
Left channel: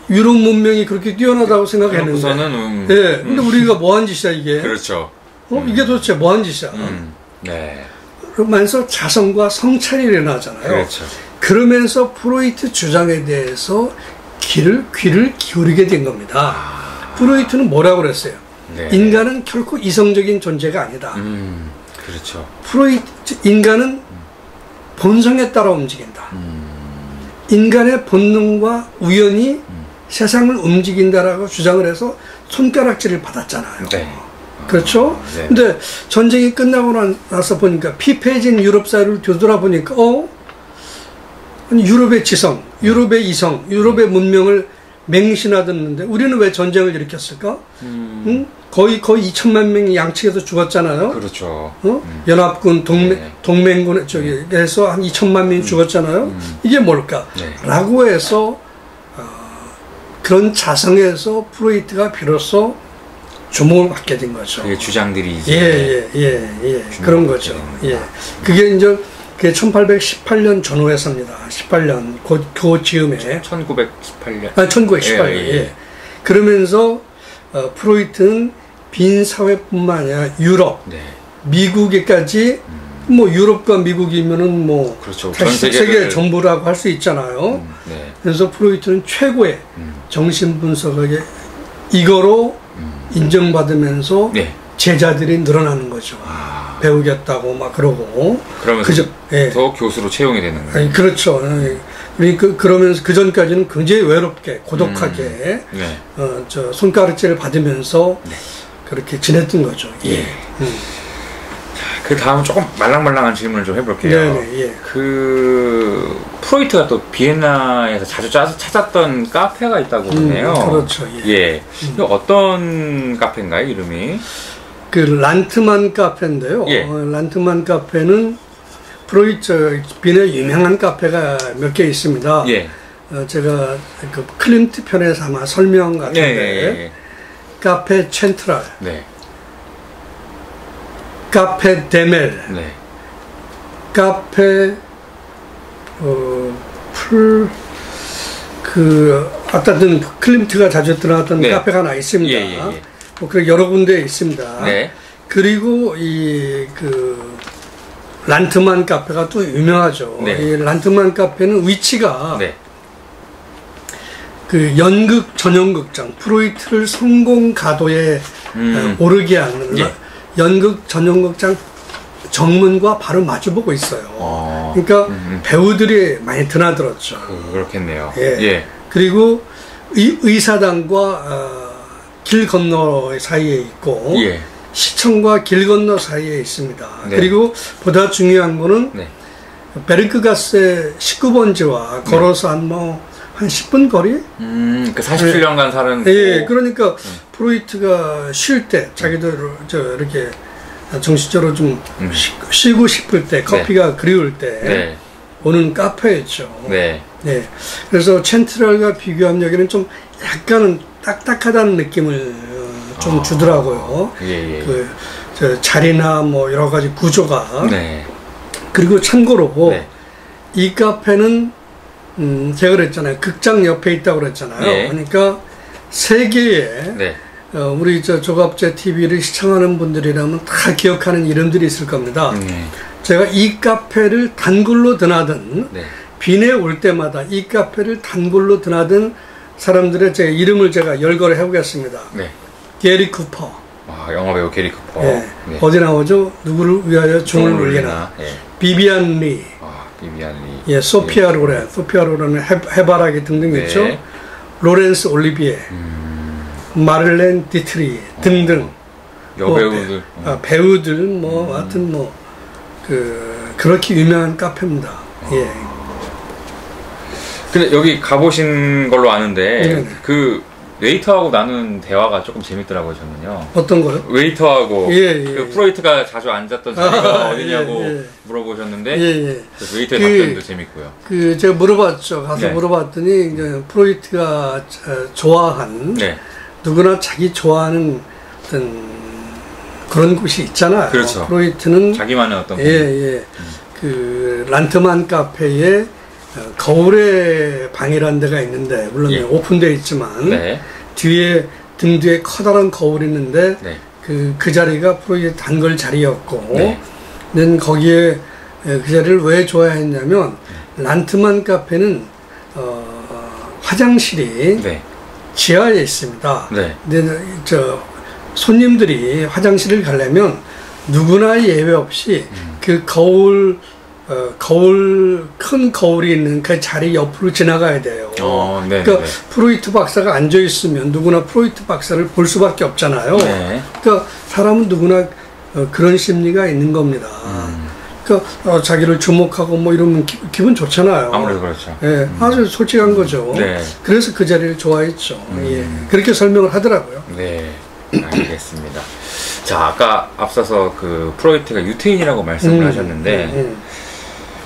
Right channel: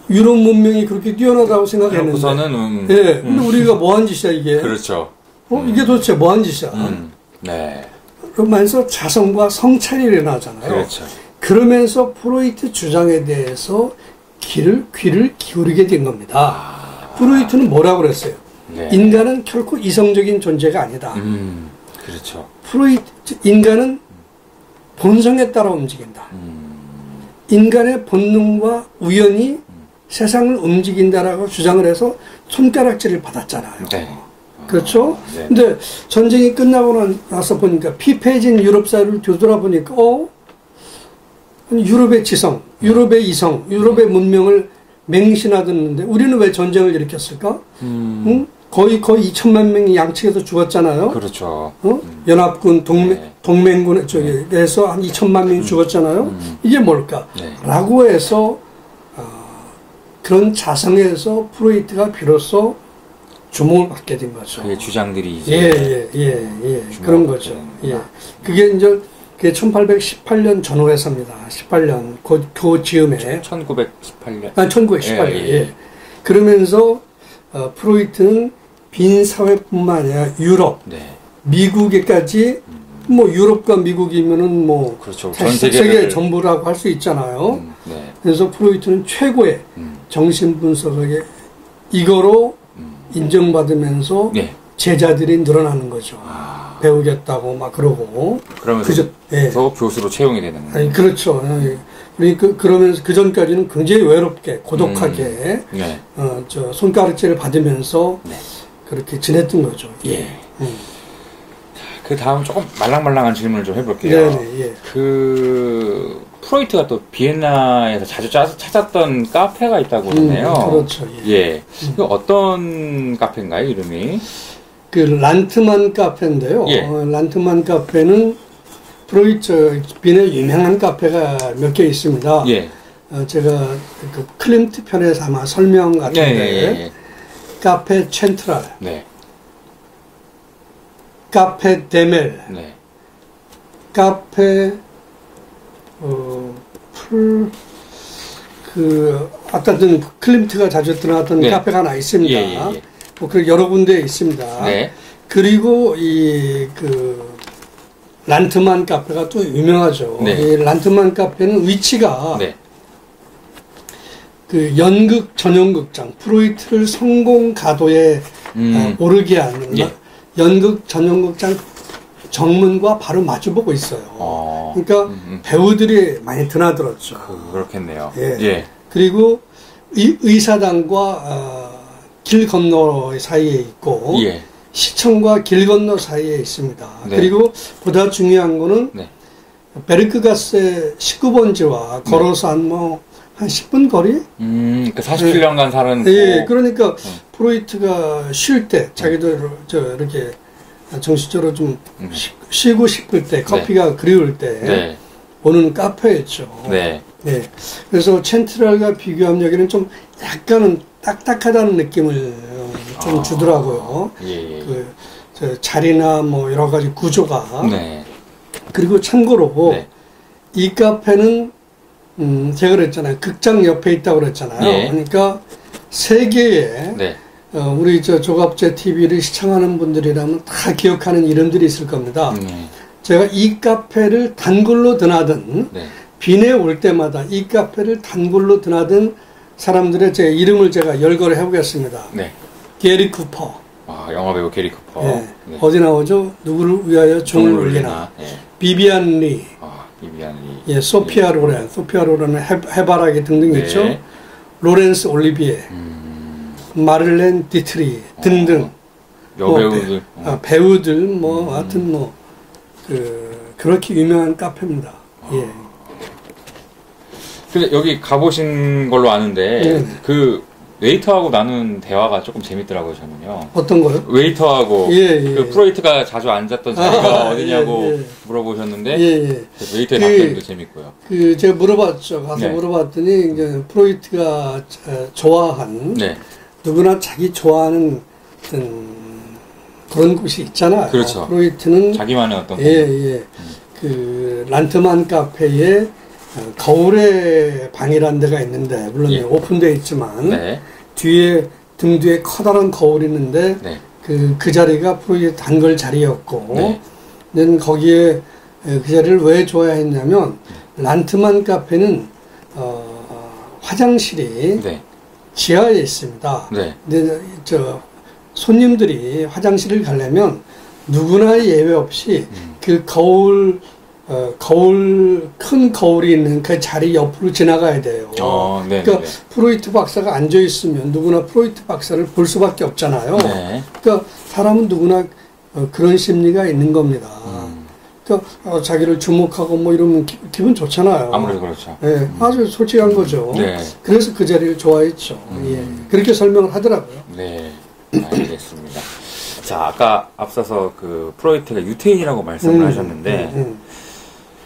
유럽 문명이 그렇게 뛰어나다고 생각했는데 우선은 네, 근데 우리가 뭐한 짓이야 이게? 그렇죠. 이게 도대체 뭐한 짓이야? 네. 그러면서 자성과 성찰이 일어나잖아요. 그렇죠. 그러면서 프로이트 주장에 대해서 귀를 기울이게 된 겁니다. 프로이트는 뭐라고 그랬어요? 네. 인간은 결코 이성적인 존재가 아니다. 그렇죠. 인간은 본성에 따라 움직인다. 인간의 본능과 우연히 세상을 움직인다라고 주장을 해서 손가락질을 받았잖아요. 네. 그렇죠? 네. 근데 전쟁이 끝나고 나서 보니까 피폐해진 유럽 사회를 뒤돌아보니까 유럽의 지성, 유럽의 이성, 유럽의 문명을 맹신하던데 우리는 왜 전쟁을 일으켰을까? 응? 거의 2천만 명이 양측에서 죽었잖아요. 그렇죠. 연합군, 동맹군 쪽에서 한 2천만 명이 죽었잖아요. 이게 뭘까? 네. 라고 해서 그런 자성에서 프로이트가 비로소 주목을 받게 된 거죠. 그게 주장들이 이제 그런 거죠. 예. 그게 이제 1818년 전후에서입니다. 18년 그 즈음에 1918년. 1918년. 예. 그러면서 프로이트는 빈 사회뿐만 아니라 유럽, 네. 미국에까지 뭐 유럽과 미국이면은 뭐 그렇죠. 전 세계 전부라고 할 수 있잖아요. 네. 그래서 프로이트는 최고의 정신 분석학의 이거로 인정받으면서 네. 제자들이 늘어나는 거죠. 배우겠다고 막 그러고. 그러면서 더 교수로 채용이 되는 거예요. 아니, 그렇죠. 그러면서 그 전까지는 굉장히 외롭게 고독하게 네. 저 손가락질을 받으면서 네. 그렇게 지냈던 거죠. 예. 그 다음 조금 말랑말랑한 질문을 좀 해볼게요. 네네, 예. 그 프로이트가 또 비엔나에서 자주 찾았던 카페가 있다고 그러네요. 그렇죠. 예. 어떤 카페인가요, 이름이? 그 란트만 카페인데요. 예. 란트만 카페는 프로이트 비엔나 유명한 카페가 몇 개 있습니다. 예. 제가 그 클림트 편에서 아마 설명 같은데 예. 카페 첸트랄. 네. 카페 데멜, 네. 카페 아까 든 클림트가 자주 들어갔던 네. 카페가 하나 있습니다. 예. 뭐 그 여러 군데 있습니다. 네. 그리고 그 란트만 카페가 또 유명하죠. 네. 이 란트만 카페는 위치가 네. 그 연극 전용극장 프로이트를 성공 가도에 오르게 하는. 예. 연극 전용극장 정문과 바로 마주보고 있어요. 그러니까 배우들이 많이 드나들었죠. 그렇겠네요. 예. 그리고 의사당과 길 건너 사이에 있고 예. 시청과 길 건너 사이에 있습니다. 네. 그리고 보다 중요한 거는 네. 베르크가스의 19번지와 걸어서 한 10분 거리? 그 47년간 사는. 예, 그러니까 프로이트가 쉴 때, 자기들 이렇게 정신적으로 좀 쉬고 싶을 때, 커피가 네. 그리울 때 네. 오는 카페였죠. 네. 네. 그래서 첸트럴과 비교하면 여기는 좀 약간은 딱딱하다는 느낌을 좀 주더라고요. 예. 저 자리나 뭐 여러 가지 구조가. 네. 그리고 참고로 네. 이 카페는 제가 그랬잖아요. 극장 옆에 있다고 그랬잖아요. 예. 그러니까 세계에 네. 우리 조갑제 TV를 시청하는 분들이라면 다 기억하는 이름들이 있을 겁니다. 제가 이 카페를 단골로 드나든 네. 빈에 올 때마다 이 카페를 단골로 드나든 사람들의 제 이름을 제가 열거를 해보겠습니다. 네. 게리 쿠퍼. 영화배우 게리 쿠퍼. 네. 네. 어디 나오죠? 누구를 위하여 종을 울리나. 네. 비비안 리. 비비안 리. 예, 소피아 로렌. 소피아 로렌은 해바라기 등등 있죠. 네. 로렌스 올리비에. 마를렌 디트리 등등. 여배우들. 배우들 하여튼 그렇게 유명한 카페입니다. 예. 근데 여기 가보신 걸로 아는데 그 웨이터하고 나눈 대화가 조금 재밌더라고요, 저는요. 어떤 거요? 웨이터하고 그 프로이트가 자주 앉았던 자리가 어디냐고 물어보셨는데 그 웨이터의 답변도 재밌고요. 제가 물어봤죠. 가서 물어봤더니 이제 프로이트가 좋아한 누구나 자기 좋아하는 어떤 그런 곳이 있잖아요. 그렇죠. 프로이트는 자기만의 어떤 그 란트만 카페에 거울의 방이라는 데가 있는데 물론 예. 오픈되어 있지만 네. 뒤에 등 뒤에 커다란 거울이 있는데 네. 그 자리가 프로이트 단골 자리였고 네. 는 거기에 그 자리를 왜 좋아했냐면 란트만 카페는 화장실이 네. 지하에 있습니다. 네. 근데 손님들이 화장실을 가려면 누구나 예외 없이 그 큰 거울이 있는 그 자리 옆으로 지나가야 돼요. 네, 그러니까 네. 프로이트 박사가 앉아 있으면 누구나 프로이트 박사를 볼 수밖에 없잖아요. 네. 그러니까 사람은 누구나 그런 심리가 있는 겁니다. 그러니까 자기를 주목하고 뭐 이러면 기분 좋잖아요. 아무래도 그렇죠. 예, 아주 솔직한 거죠. 네. 그래서 그 자리를 좋아했죠. 예, 그렇게 설명을 하더라고요. 네, 알겠습니다. 자, 아까 앞서서 그 프로이트가 유태인이라고 말씀을 하셨는데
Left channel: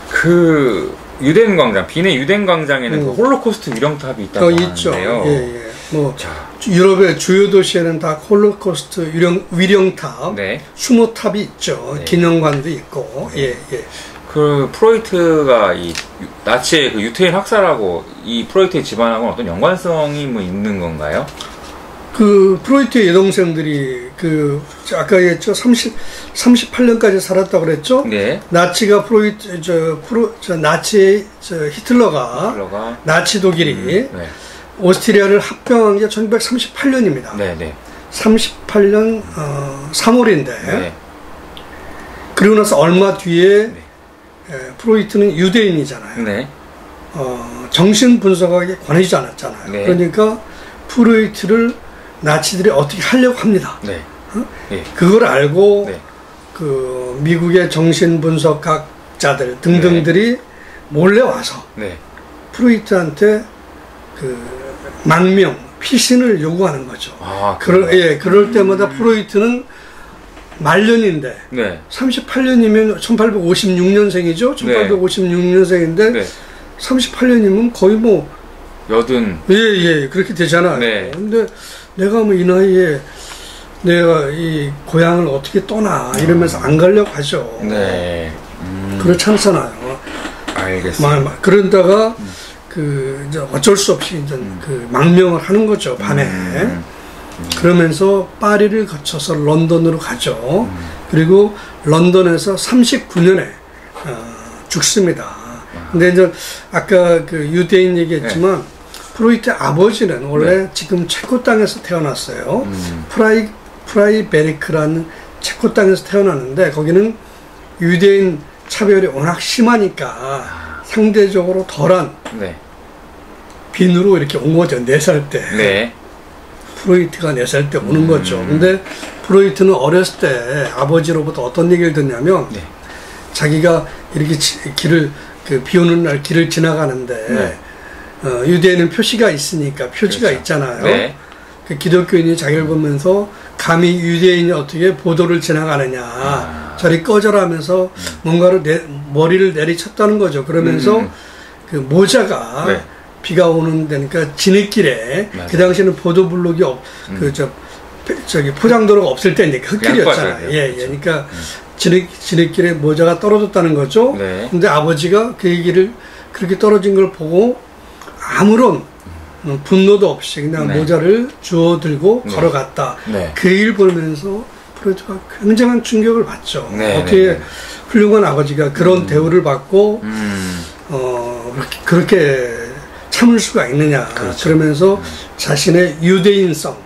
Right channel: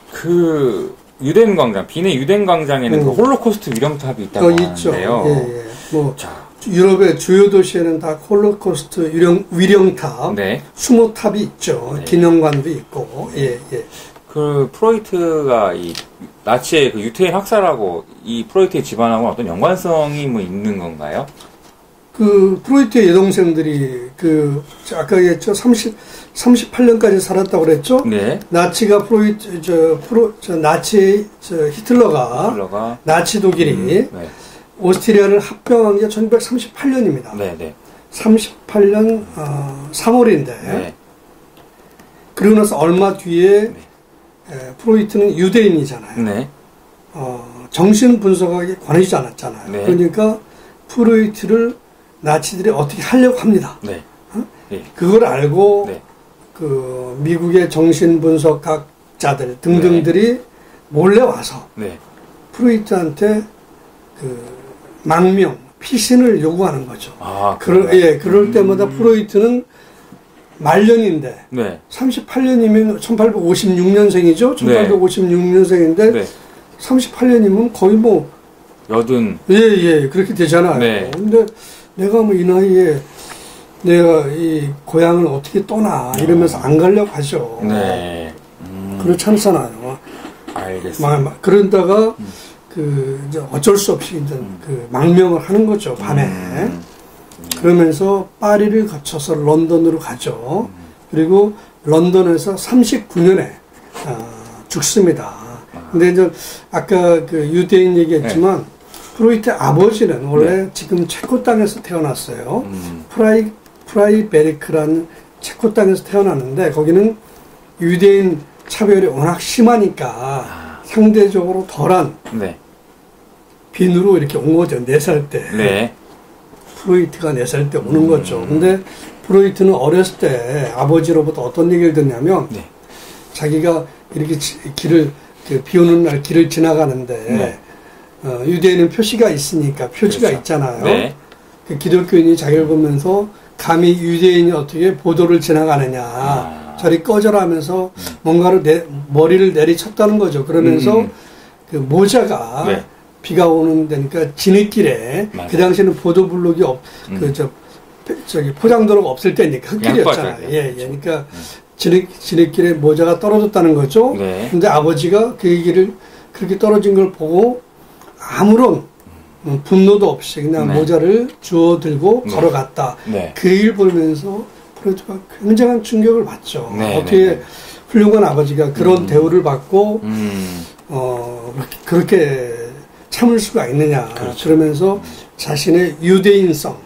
그 유대인 광장, 빈의 유대인 광장에는 그 홀로코스트 위령탑이 있다고 있죠. 하는데요. 예. 뭐 자, 유럽의 주요 도시에는 다 홀로코스트 위령탑, 네. 수모탑이 있죠. 네. 기념관도 있고. 네. 예. 그 프로이트가 이 나치의 그 유태인 학살하고 이 프로이트의 집안하고 어떤 연관성이 뭐 있는 건가요? 그 프로이트의 여동생들이 그 아까 얘기했죠. 38년까지 살았다고 그랬죠. 네. 나치가 나치 히틀러가 나치 독일이 네. 오스트리아를 합병한 게 1938년입니다. 네. 38년 3월인데 네. 그리고 나서 얼마 뒤에 프로이트는 유대인이잖아요. 네. 정신 분석학에 관하지 않았잖아요. 네. 그러니까 프로이트를 나치들이 어떻게 하려고 합니다. 네. 네. 그걸 알고 네. 그 미국의 정신 분석학자들 등등들이 몰래 와서 네. 프로이트한테 그 망명, 피신을 요구하는 거죠. 그럴 때마다 프로이트는 말년인데 네. 38년이면 1856년생이죠. 1856년생인데 네. 38년이면 거의 뭐 그렇게 되잖아요. 네. 근데 내가 뭐 이 나이에 내가 이 고향을 어떻게 떠나 이러면서 안 가려고 하죠. 네. 그렇지 않잖아요. 알겠습니다. 그러다가 그 이제 어쩔 수 없이 이제 그 망명을 하는 거죠. 밤에. 그러면서 파리를 거쳐서 런던으로 가죠. 그리고 런던에서 39년에 죽습니다. 근데 이제 아까 그 유대인 얘기했지만 프로이트의 아버지는 원래 지금 체코 땅에서 태어났어요. 프라이베리크라는 체코 땅에서 태어났는데 거기는 유대인 차별이 워낙 심하니까 상대적으로 덜한 빈으로 이렇게 온 거죠. 4살 때. 네. 프로이트가 4살 때 오는 거죠. 근데 프로이트는 어렸을 때 아버지로부터 어떤 얘기를 듣냐면 자기가 이렇게 비 오는 날 길을 지나가는데 유대인은 표시가 있으니까 표지가 그렇죠. 있잖아요. 네. 그 기독교인이 자기를 보면서 감히 유대인이 어떻게 보도를 지나가느냐 저리 꺼져라 하면서 뭔가를 머리를 내리쳤다는 거죠. 그러면서 그 모자가 비가 오는 데니까 지느길에 그 당시에는 보도블록이 포장도로가 없을 때니까 흙길이었잖아요. 그러니까 지느길에 모자가 떨어졌다는 거죠. 근데 아버지가 그 얘기를 그렇게 떨어진 걸 보고 아무런 분노도 없이 그냥 모자를 주워 들고 걸어갔다. 그 일 보면서 프로이트가 굉장한 충격을 받죠. 어떻게 훌륭한 아버지가 그런 대우를 받고 그렇게 참을 수가 있느냐. 그러면서 자신의 유대인성,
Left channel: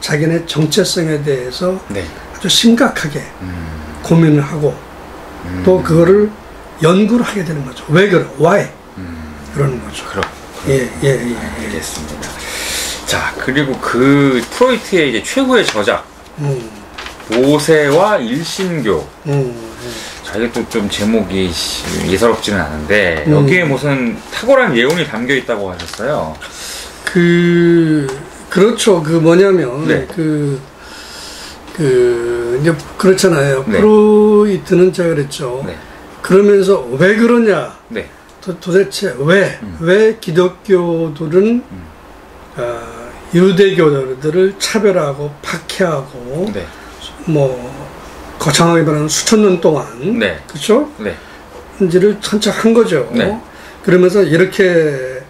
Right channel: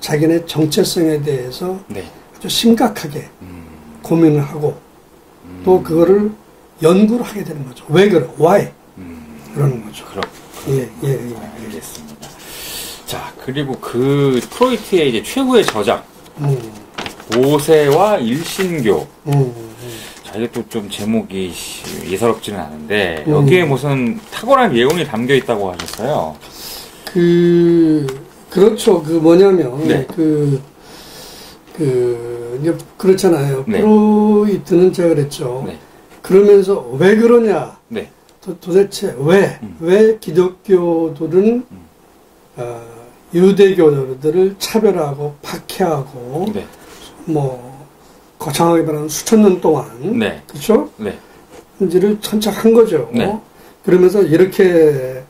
자기네 정체성에 대해서 아주 심각하게 고민을 하고 또 그거를 연구를 하게 되는 거죠. 왜 그래? Why? 그러는 거죠. 알겠습니다. 자, 그리고 그 프로이트의 이제 최고의 저작 모세와 일신교. 자, 이게 또 좀 제목이 예사롭지는 않은데 여기에 무슨 탁월한 예언이 담겨 있다고 하셨어요. 그렇죠. 그 뭐냐면 이제 그렇잖아요. 프로이트는 제가 그랬죠. 그러면서 왜 그러냐? 도대체 왜 기독교들은 유대교들을 차별하고 박해하고 뭐 거창하게 말하면 수천 년 동안 그렇죠? 하는지를 천착한 거죠. 네. 그러면서 이렇게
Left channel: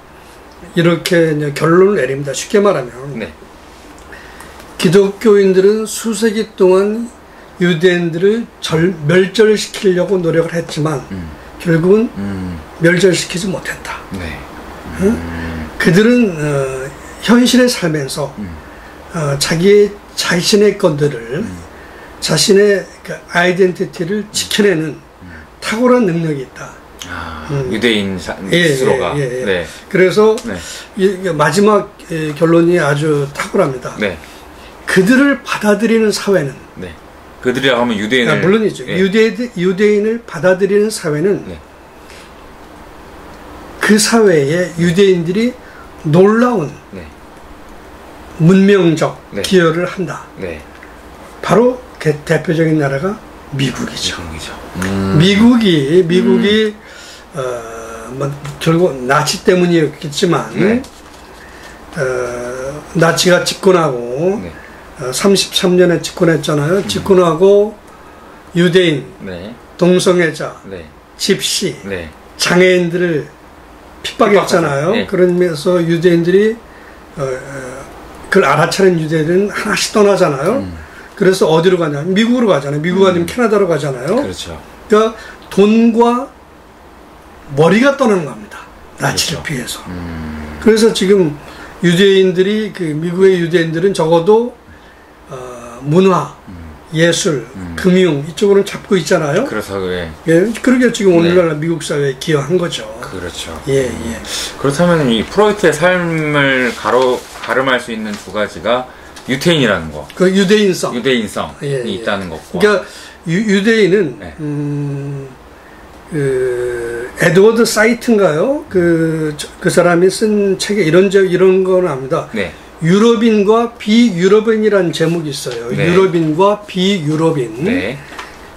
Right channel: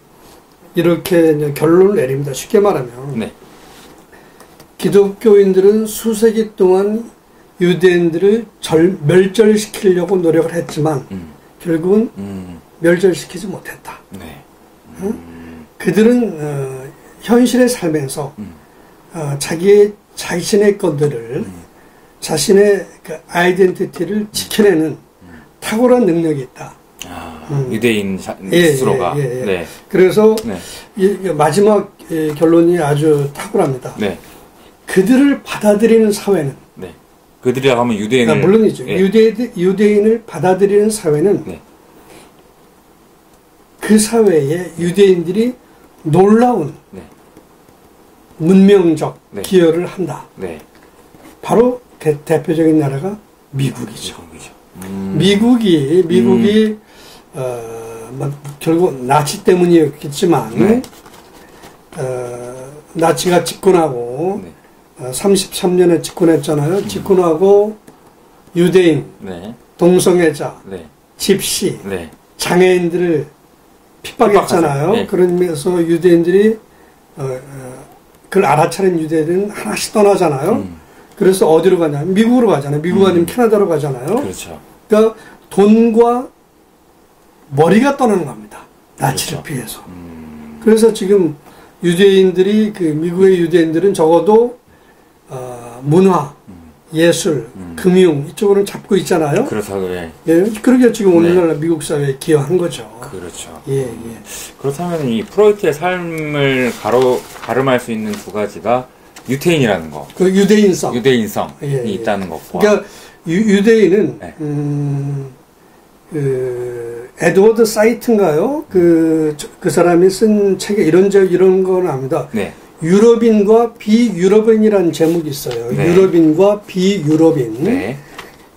이제 결론을 내립니다. 쉽게 말하면 네. 기독교인들은 수세기 동안 유대인들을 멸절시키려고 노력을 했지만 결국은 멸절시키지 못했다. 네. 그들은 현실에 살면서 자신의 것들을 자신의 그 아이덴티티를 지켜내는 탁월한 능력이 있다. 유대인 스스로가. 예. 네. 그래서 네. 마지막 결론이 아주 탁월합니다. 네. 그들을 받아들이는 사회는 네. 그들이라고 하면 유대인을 물론이죠. 예. 유대인을 받아들이는 사회는 네. 그 사회에 유대인들이 놀라운 네. 문명적 네. 기여를 한다. 네. 바로 대표적인 나라가 미국이죠. 미국이죠. 미국이 결국 나치 때문이었겠지만 네. 나치가 집권하고 네. 33년에 집권했잖아요. 집권하고 유대인, 네. 동성애자, 네. 집시, 네. 장애인들을 핍박했잖아요. 네. 그러면서 유대인들이 그걸 알아차린 유대인들은 하나씩 떠나잖아요. 그래서 어디로 가냐? 미국으로 가잖아요. 미국 아니면 캐나다로 가잖아요. 그렇죠. 그러니까 돈과 머리가 떠나는 겁니다. 나치를 그렇죠. 피해서. 그래서 지금 유대인들이 미국의 유대인들은 적어도 문화, 예술, 금융 이쪽으로는 잡고 있잖아요. 그렇다고 예. 예, 그러게 지금 오늘날 네. 미국 사회에 기여한 거죠. 그렇죠. 예. 그렇다면 이 프로이트의 삶을 가름할 수 있는 두 가지가 유태인이라는 거. 그 유대인성이 있다는 것과. 그러니까 유대인은 네. 에드워드 사이트인가요? 그 사람이 쓴 책에 이런 건 압니다. 네. 유럽인과 비유럽인이라는 제목이 있어요. 네. 유럽인과 비유럽인. 네.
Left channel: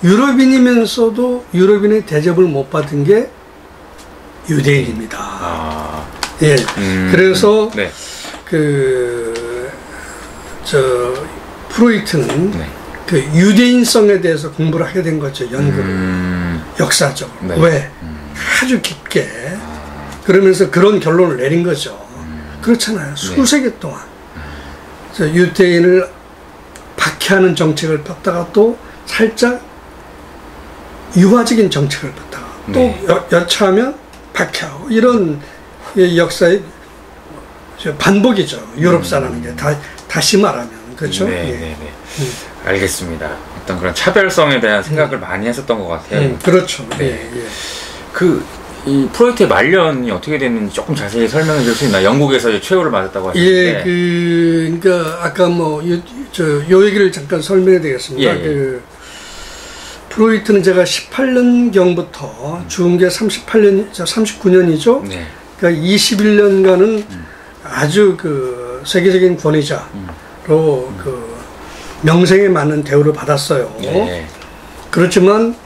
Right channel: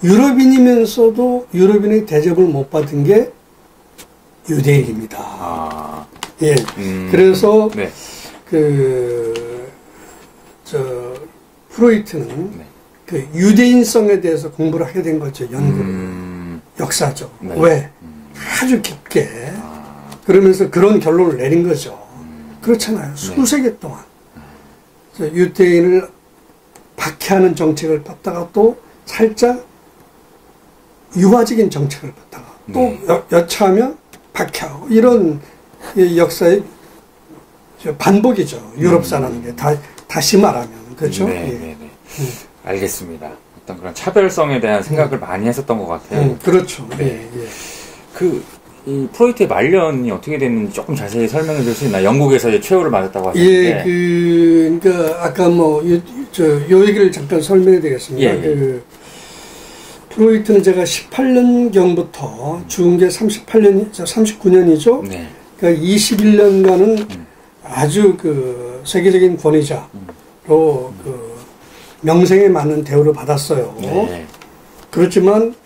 유럽인이면서도 유럽인의 대접을 못 받은 게 유대인입니다. 예. 그래서 네. 프로이트는 네. 그 유대인성에 대해서 공부를 하게 된 거죠. 연구를. 역사적으로. 네. 왜? 아주 깊게. 그러면서 그런 결론을 내린 거죠. 그렇잖아요. 수세기 동안. 유대인을 박해하는 정책을 폈다가 또 살짝 유화적인 정책을 폈다가 또 여차하면 박해하고 이런 역사의 반복이죠. 유럽사라는 게 다시 말하면 그렇죠. 네. 알겠습니다. 어떤 그런 차별성에 대한 생각을 많이 했었던 것 같아요. 그렇죠. 네. 이 프로이트의 말년이 어떻게 됐는지 조금 자세히 설명해 줄 수 있나요? 영국에서 이제 최후를 맞았다고 하셨는데. 그러니까 아까 요 얘기를 잠깐 설명해 드리겠습니다. 프로이트는 제가 18년경부터 죽은 게 39년이죠. 네. 그러니까 21년간은 아주 세계적인 권위자로 명성에 맞는 대우를 받았어요. 네. 그렇지만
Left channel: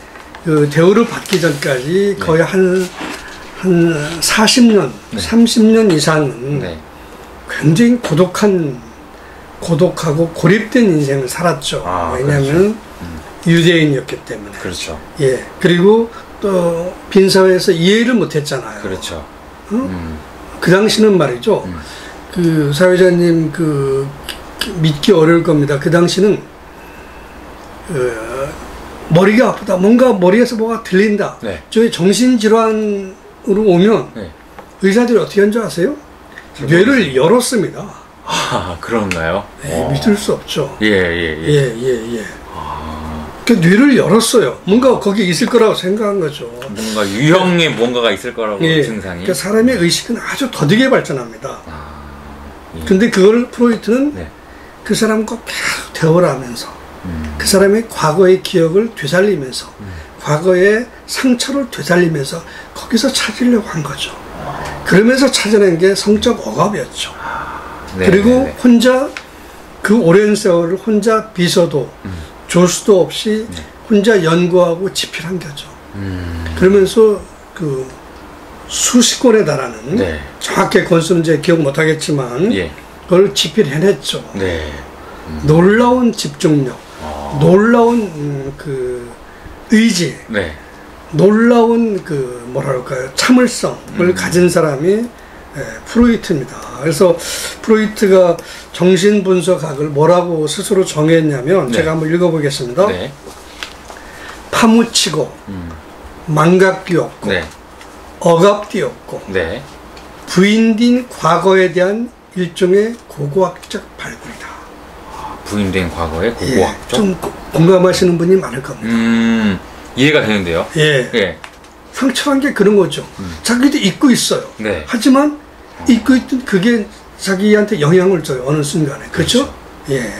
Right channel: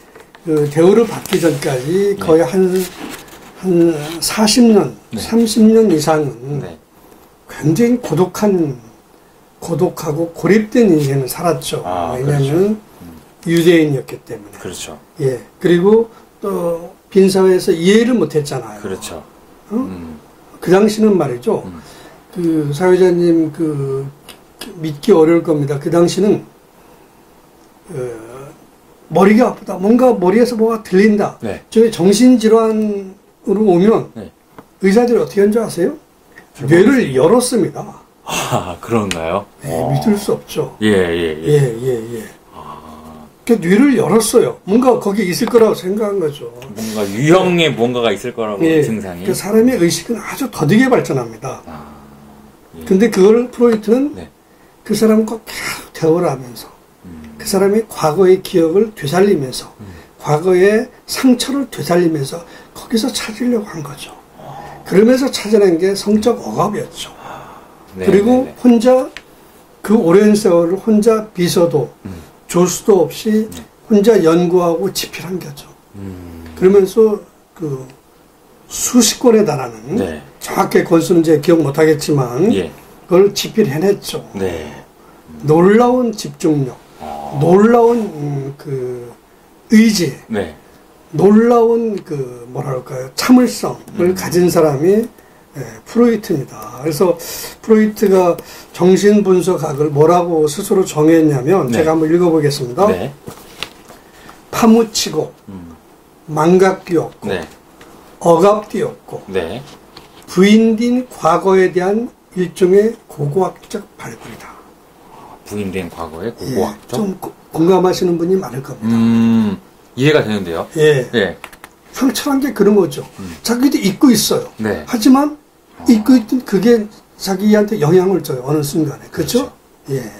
그 대우를 받기 전까지 거의 한 40년, 30년 이상은 굉장히 고독하고 고립된 인생을 살았죠. 왜냐하면 유대인이었기 때문에. 그렇죠. 예. 그리고 또 빈사회에서 이해를 못했잖아요. 그렇죠. 그 당시는 말이죠. 그 사회자님 믿기 어려울 겁니다. 그 당시는 머리가 아프다. 뭔가 머리에서 뭐가 들린다. 네. 저희 정신질환으로 오면 의사들이 어떻게 하는 줄 아세요? 뇌를 열었습니다. 그런가요? 믿을 수 없죠. 예. 그 뇌를 열었어요. 뭔가 거기 있을 거라고 생각한 거죠. 뭔가 유형의 뭔가가 있을 거라고 증상이. 그 사람의 의식은 아주 더디게 발전합니다. 근데 그걸 프로이트는 그 사람과 계속 대화를 하면서 그 사람의 과거의 기억을 되살리면서 과거의 상처를 되살리면서 거기서 찾으려고 한 거죠. 그러면서 찾아낸 게 성적 억압이었죠. 그리고 혼자 그 오랜 세월을 혼자 비서도 조수도 없이 혼자 연구하고 집필한 거죠. 그러면서 그 수십 권에 달하는 정확히 건수는 이제 기억 못하겠지만 그걸 집필해냈죠. 놀라운 집중력, 놀라운 그 의지, 놀라운 그 뭐랄까요 참을성을 가진 사람이 프로이트입니다. 그래서 프로이트가 정신분석학을 뭐라고 스스로 정했냐면 네. 제가 한번 읽어보겠습니다. 네. 파묻히고 망각되었고 네. 억압되었고 네. 부인된 과거에 대한 일종의 고고학적 발굴이다. 부인된 과거의 고고학적? 좀 공감하시는 분이 많을 겁니다. 이해가 되는데요. 예. 상처란 게 그런 거죠. 자기도 잊고 있어요. 네. 하지만 잊고 있던 그게 자기한테 영향을 줘요. 어느 순간에. 그렇죠? 예.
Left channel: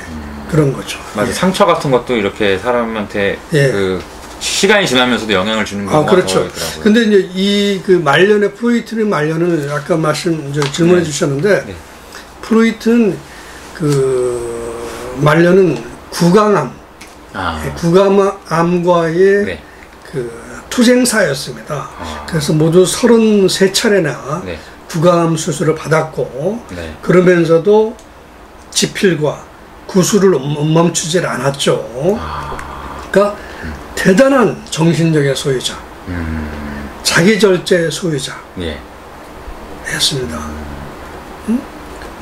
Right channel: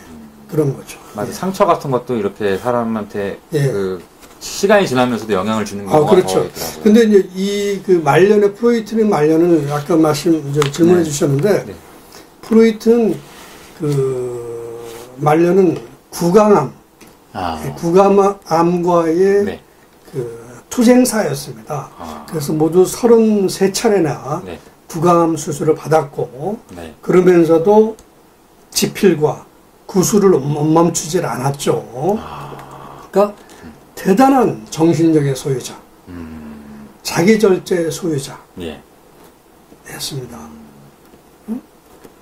그런 거죠. 맞아. 예. 상처 같은 것도 이렇게 사람한테 그 시간이 지나면서도 영향을 주는 경우가 그렇죠. 더 있더라고요. 근데 이제 이 그 말년의 프로이트의 말년은 아까 질문해 주셨는데 프로이트는 그 말년은 구강암, 구강암과의 그 투쟁사였습니다. 그래서 모두 33차례나 구강암 수술을 받았고 그러면서도 지필과 구술을 멈추질 않았죠. 그러니까 대단한 정신력의 소유자, 자기절제의 소유자 였습니다.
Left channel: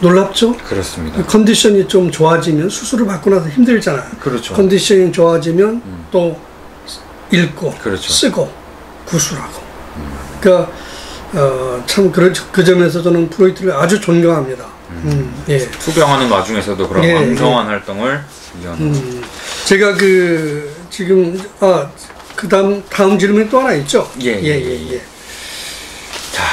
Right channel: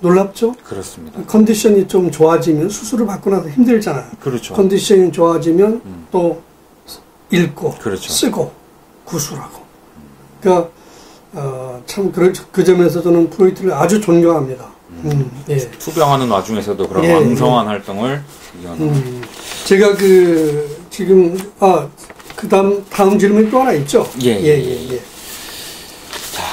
놀랍죠? 그렇습니다. 컨디션이 좀 좋아지면 수술을 받고 나서 힘들잖아요. 그렇죠. 컨디션이 좋아지면 또 읽고 그렇죠. 쓰고 구술하고. 그러니까 참 그 점에서 저는 프로이트를 아주 존경합니다. 예. 투병하는 와중에서도 그런 왕성한 활동을 이어나가고. 제가 지금 다음 질문이 또 하나 있죠. 예. 자,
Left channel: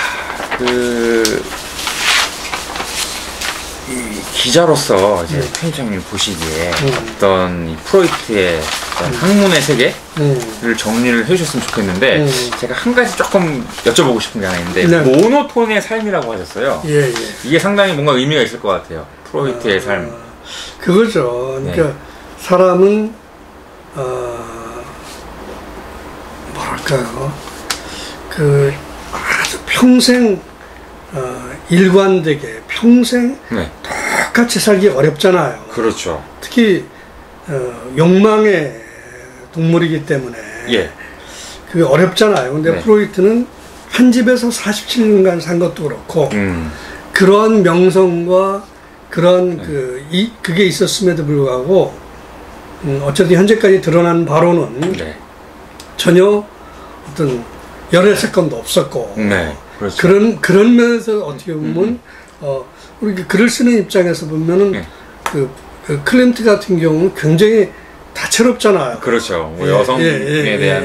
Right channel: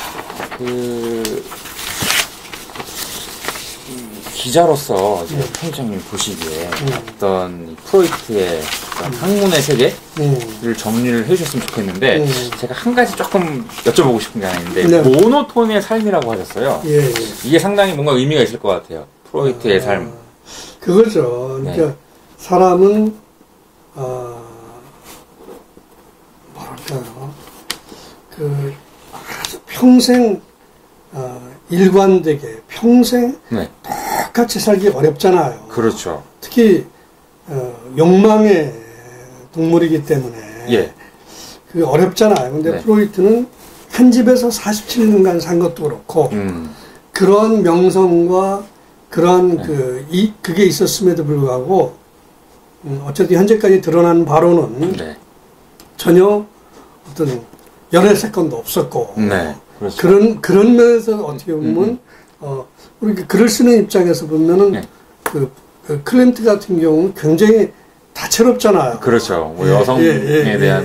기자로서 이제 편집장님 보시기에 어떤 이 프로이트의 어떤 학문의 세계를 정리를 해주셨으면 좋겠는데 제가 한 가지 조금 여쭤보고 싶은 게 하나 있는데 모노톤의 삶이라고 하셨어요. 이게 상당히 뭔가 의미가 있을 것 같아요. 프로이트의 삶. 그거죠. 그러니까 사람은 뭐랄까요? 아주 평생 일관되게 평생 똑같이 살기 어렵잖아요. 그렇죠. 특히 욕망의 동물이기 때문에 그게 어렵잖아요. 근데 프로이트는 한 집에서 47년간 산 것도 그렇고 그런 명성과 그런 그게 있었음에도 불구하고 어쨌든 현재까지 드러난 바로는 전혀 어떤 연애 사건도 없었고 그렇죠. 그런 면에서 어떻게 보면 우리 글을 쓰는 입장에서 보면은 그 클림트 같은 경우는 굉장히 다채롭잖아요. 그렇죠. 뭐 여성에 대한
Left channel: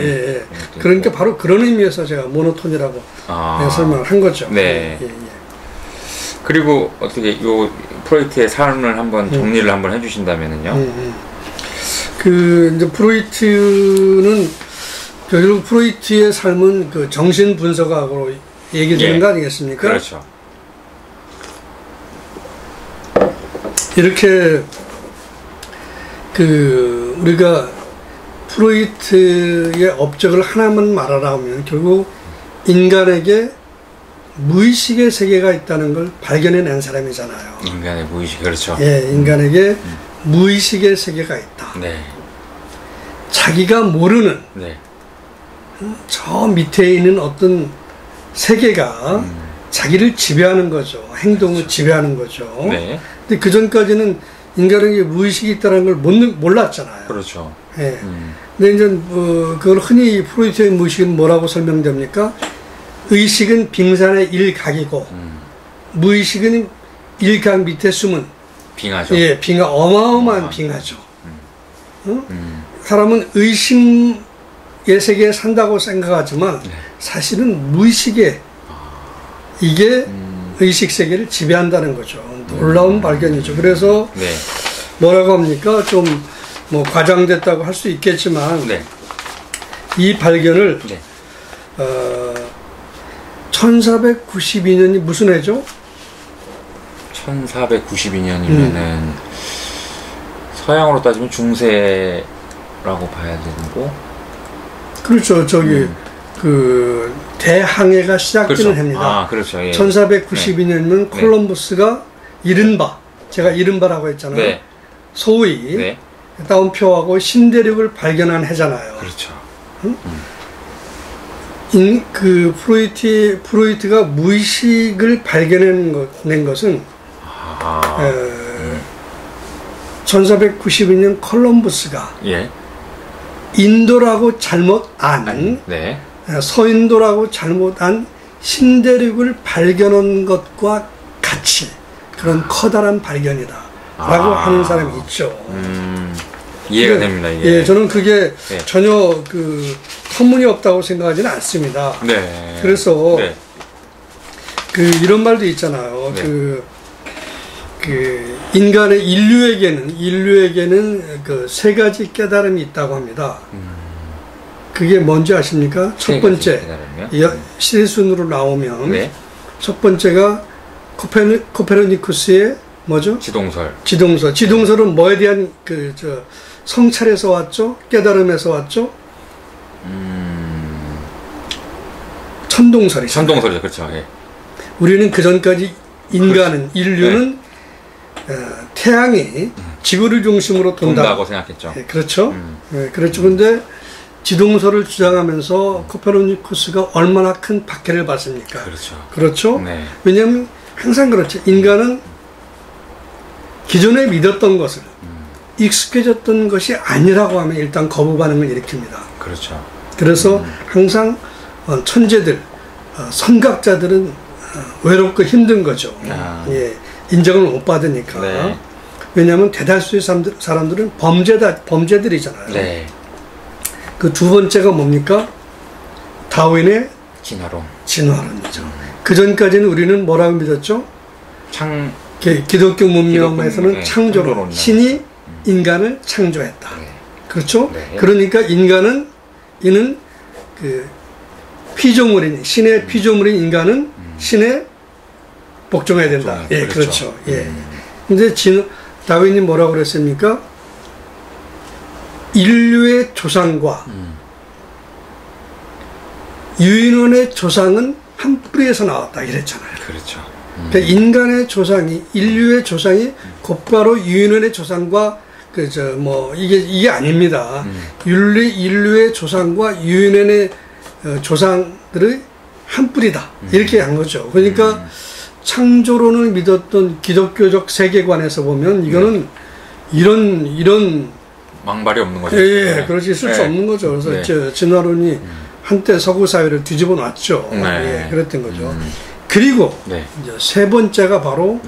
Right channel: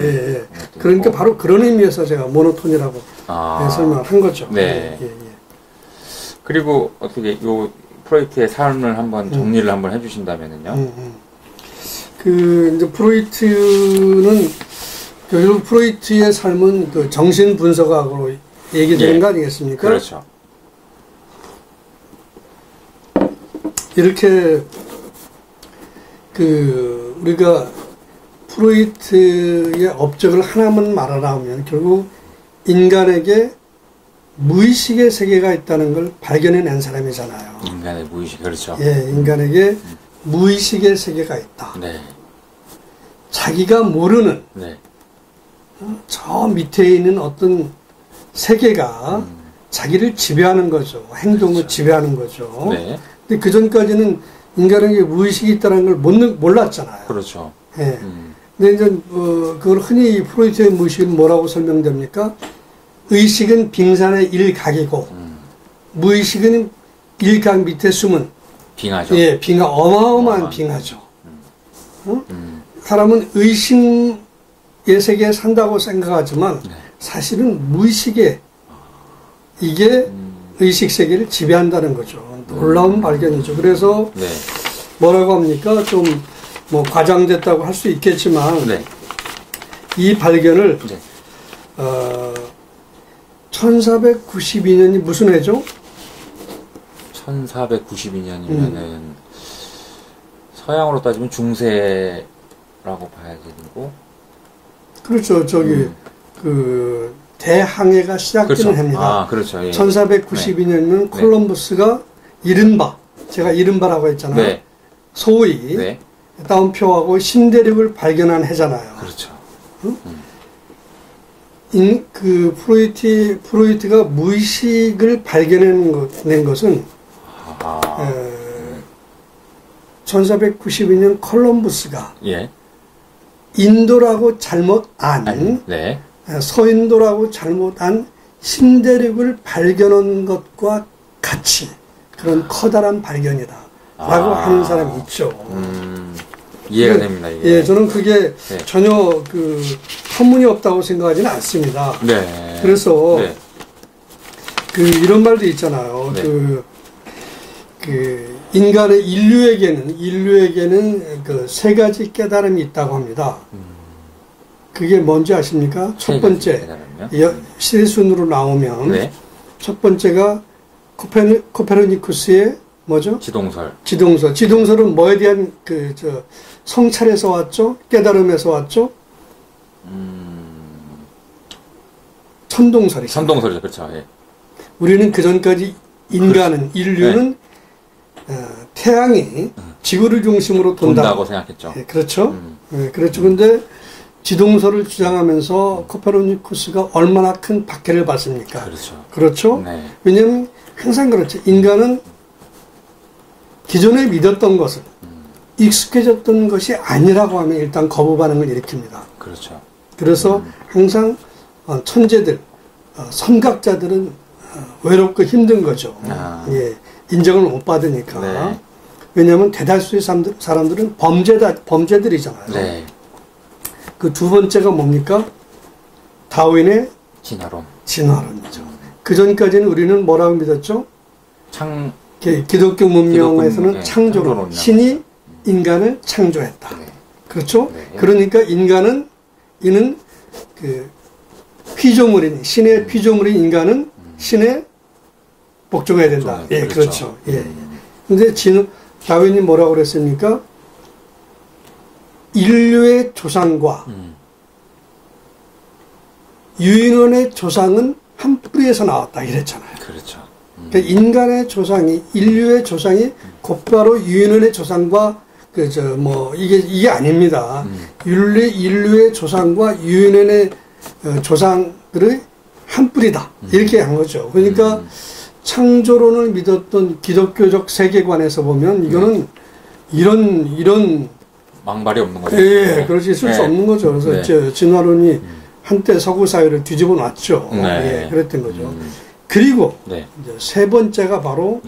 그러니까 있고. 바로 그런 의미에서 제가 모노톤이라고 설명을 한 거죠. 그리고 어떻게 요 프로이트의 삶을 한번 정리를 한번 해주신다면은요. 이제 프로이트는 결국 프로이트의 삶은 그 정신 분석학으로 얘기되는 거 아니겠습니까? 그렇죠. 이렇게 우리가 프로이트의 업적을 하나만 말하라면 결국 인간에게 무의식의 세계가 있다는 걸 발견해낸 사람이잖아요. 인간의 무의식, 그렇죠. 인간에게 무의식의 세계가 있다. 자기가 모르는 저 밑에 있는 어떤 세계가 자기를 지배하는 거죠. 행동을 지배하는 거죠. 근데 그 전까지는 인간에게 무의식이 있다는 걸 몰랐잖아요. 그렇죠. 근데 이제 그걸 흔히 프로이트의 무의식은 뭐라고 설명됩니까? 의식은 빙산의 일각이고 무의식은 일각 밑에 숨은 빙하죠. 빙하, 어마어마한 빙하죠. 사람은 의식의 세계에 산다고 생각하지만 사실은 무의식에 이게 의식 세계를 지배한다는 거죠. 놀라운 발견이죠. 그래서 뭐라고 합니까? 좀 뭐 과장됐다고 할 수 있겠지만 이 발견을 1492년이 무슨 해죠? 1492년이면은 서양으로 따지면 중세라고 봐야 되고. 그렇죠. 그 대항해가 시작되는 해입니다. 그렇죠. 1492년이면 콜럼버스가 제가 이른바라고 했잖아요. 소위 따옴표하고 신대륙을 발견한 해잖아요. 그렇죠. 그 프로이트가 무의식을 발견낸 것은 1492년 콜럼버스가 예. 인도라고 잘못 네. 서인도라고 잘못 안 신대륙을 발견한 것과 같이 그런 커다란 발견이다 라고 하는 사람이 있죠. 이해가 됩니다. 이해. 예, 저는 그게 전혀 그 터무니없다고 생각하지는 않습니다. 네. 그래서 그 이런 말도 있잖아요. 네. 그 인간의 인류에게는 그 세 가지 깨달음이 있다고 합니다. 그게 뭔지 아십니까? 첫 번째 시대순으로 나오면 첫 번째가 코페르니쿠스의 뭐죠? 지동설은 뭐에 대한 성찰에서 왔죠? 깨달음에서 왔죠? 천동설이죠. 천동설이죠, 그렇죠. 예. 우리는 그 전까지 인류는 태양이 지구를 중심으로 돈다고 생각했죠. 예, 그렇죠. 그렇죠. 근데 지동설을 주장하면서 코페르니쿠스가 얼마나 큰 박해를 받습니까? 그렇죠. 네. 왜냐하면 항상 그렇죠. 인간은 기존에 믿었던 것을 익숙해졌던 것이 아니라고 하면 일단 거부 반응을 일으킵니다. 그렇죠. 그래서 항상 천재들, 선각자들은 외롭고 힘든 거죠. 예, 인정을 못 받으니까. 네. 왜냐하면 대다수의 사람들은 범죄들이잖아요. 네. 그 두 번째가 뭡니까? 다윈의 진화론이죠. 그 전까지는 우리는 뭐라고 믿었죠? 기독교 문명에서는 창조론. 신이 인간을 창조했다. 네. 그렇죠? 네. 그러니까 이는 그 피조물인, 신의 피조물인 인간은 신에 복종해야 된다. 예, 그렇죠. 예. 근데 다윈이 뭐라고 그랬습니까? 인류의 조상과 유인원의 조상은 한 뿌리에서 나왔다. 이랬잖아요. 그렇죠. 그러니까 인류의 조상이 곧바로 유인원의 조상과 이게 아닙니다. 인류의 조상과 유인원의 조상들의 한 뿌리다. 이렇게 한 거죠. 그러니까 창조론을 믿었던 기독교적 세계관에서 보면 이거는 이런 망발이 없는 거죠. 예, 그렇지 있을 수 없는 거죠. 그래서 진화론이 한때 서구 사회를 뒤집어 놨죠. 예, 그랬던 거죠. 그리고 이제 세 번째가 바로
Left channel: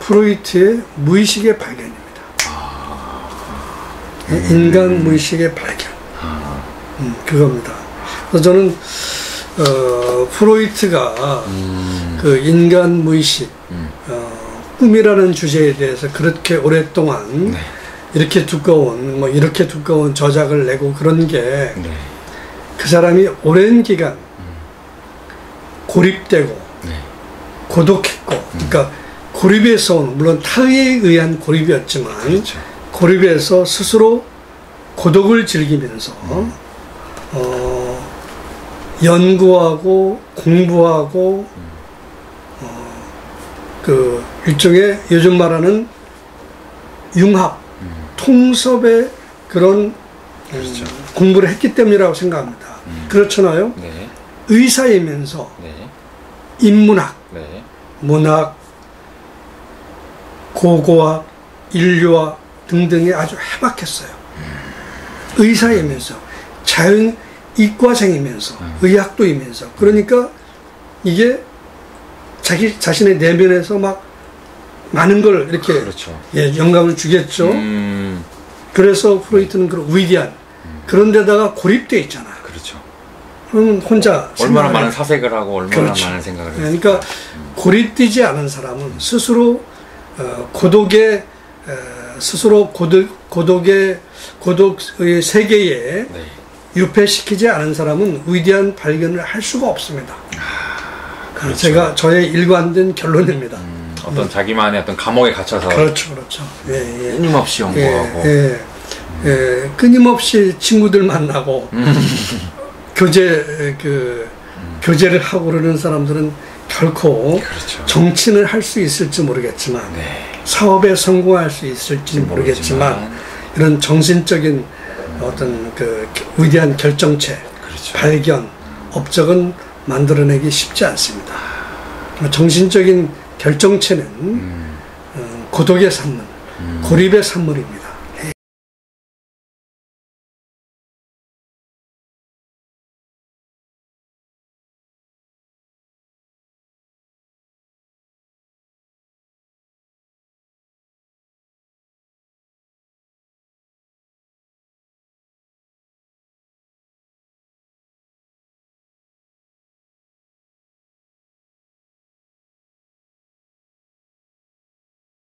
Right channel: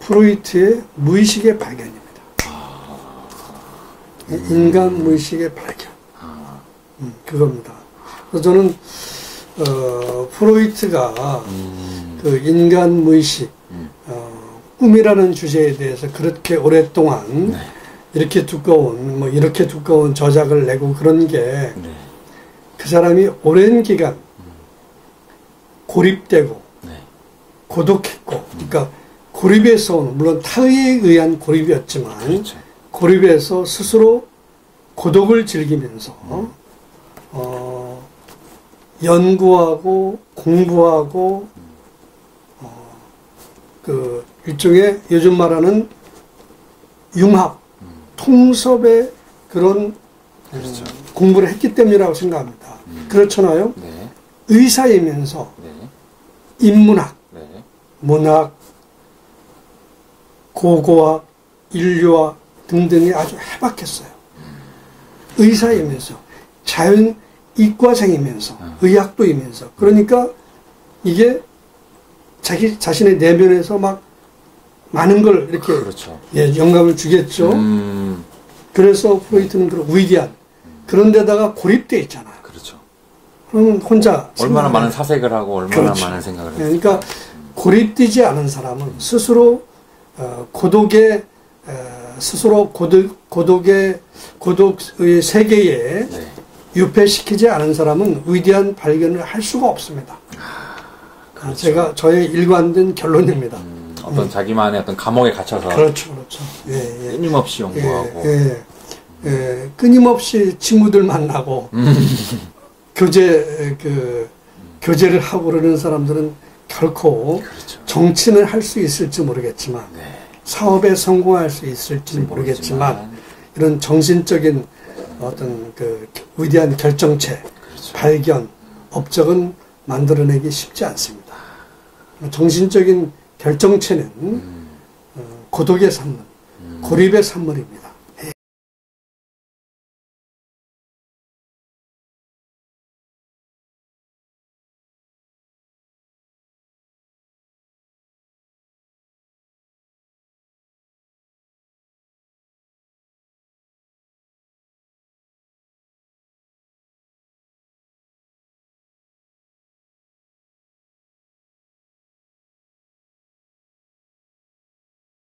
프로이트의 무의식의 발견입니다. 인간 무의식의 발견. 그겁니다. 그래서 저는 프로이트가 그 인간 무의식, 꿈이라는 주제에 대해서 그렇게 오랫동안 이렇게 두꺼운 저작을 내고 그런 게 그 사람이 오랜 기간 고립되고 고독했고, 그러니까 고립에서 오는, 물론 타의에 의한 고립이었지만 고립에서 스스로 고독을 즐기면서 연구하고 공부하고 그 일종의 요즘 말하는 융합, 통섭의 그런 공부를 했기 때문이라고 생각합니다. 그렇잖아요. 의사이면서 인문학, 문학, 고고학, 인류학 등등에 아주 해박했어요. 의사이면서 이과생이면서 의학도이면서, 그러니까 이게 자신의 내면에서 막 많은 걸 이렇게 영감을 주겠죠. 그래서 프로이트는 그런 위대한 그런 데다가 고립돼 있잖아요. 그러면 혼자 얼마나 많은 사색을 하고 얼마나 많은 생각을 했어요. 그러니까 고립되지 않은 사람은 스스로 고독의 세계에 유폐시키지 않은 사람은 위대한 발견을 할 수가 없습니다. 저의 일관된 결론입니다. 어떤 자기만의 어떤 감옥에 갇혀서. 그렇죠. 끊임없이 연구하고. 끊임없이 친구들 만나고, 교제를 하고 그러는 사람들은 결코 정치는 할 수 있을지 모르겠지만, 사업에 성공할 수 있을지 모르겠지만, 이런 정신적인 어떤 그 위대한 결정체, 발견, 업적은 만들어내기 쉽지 않습니다. 정신적인 결정체는 고독의 산물, 고립의 산물입니다.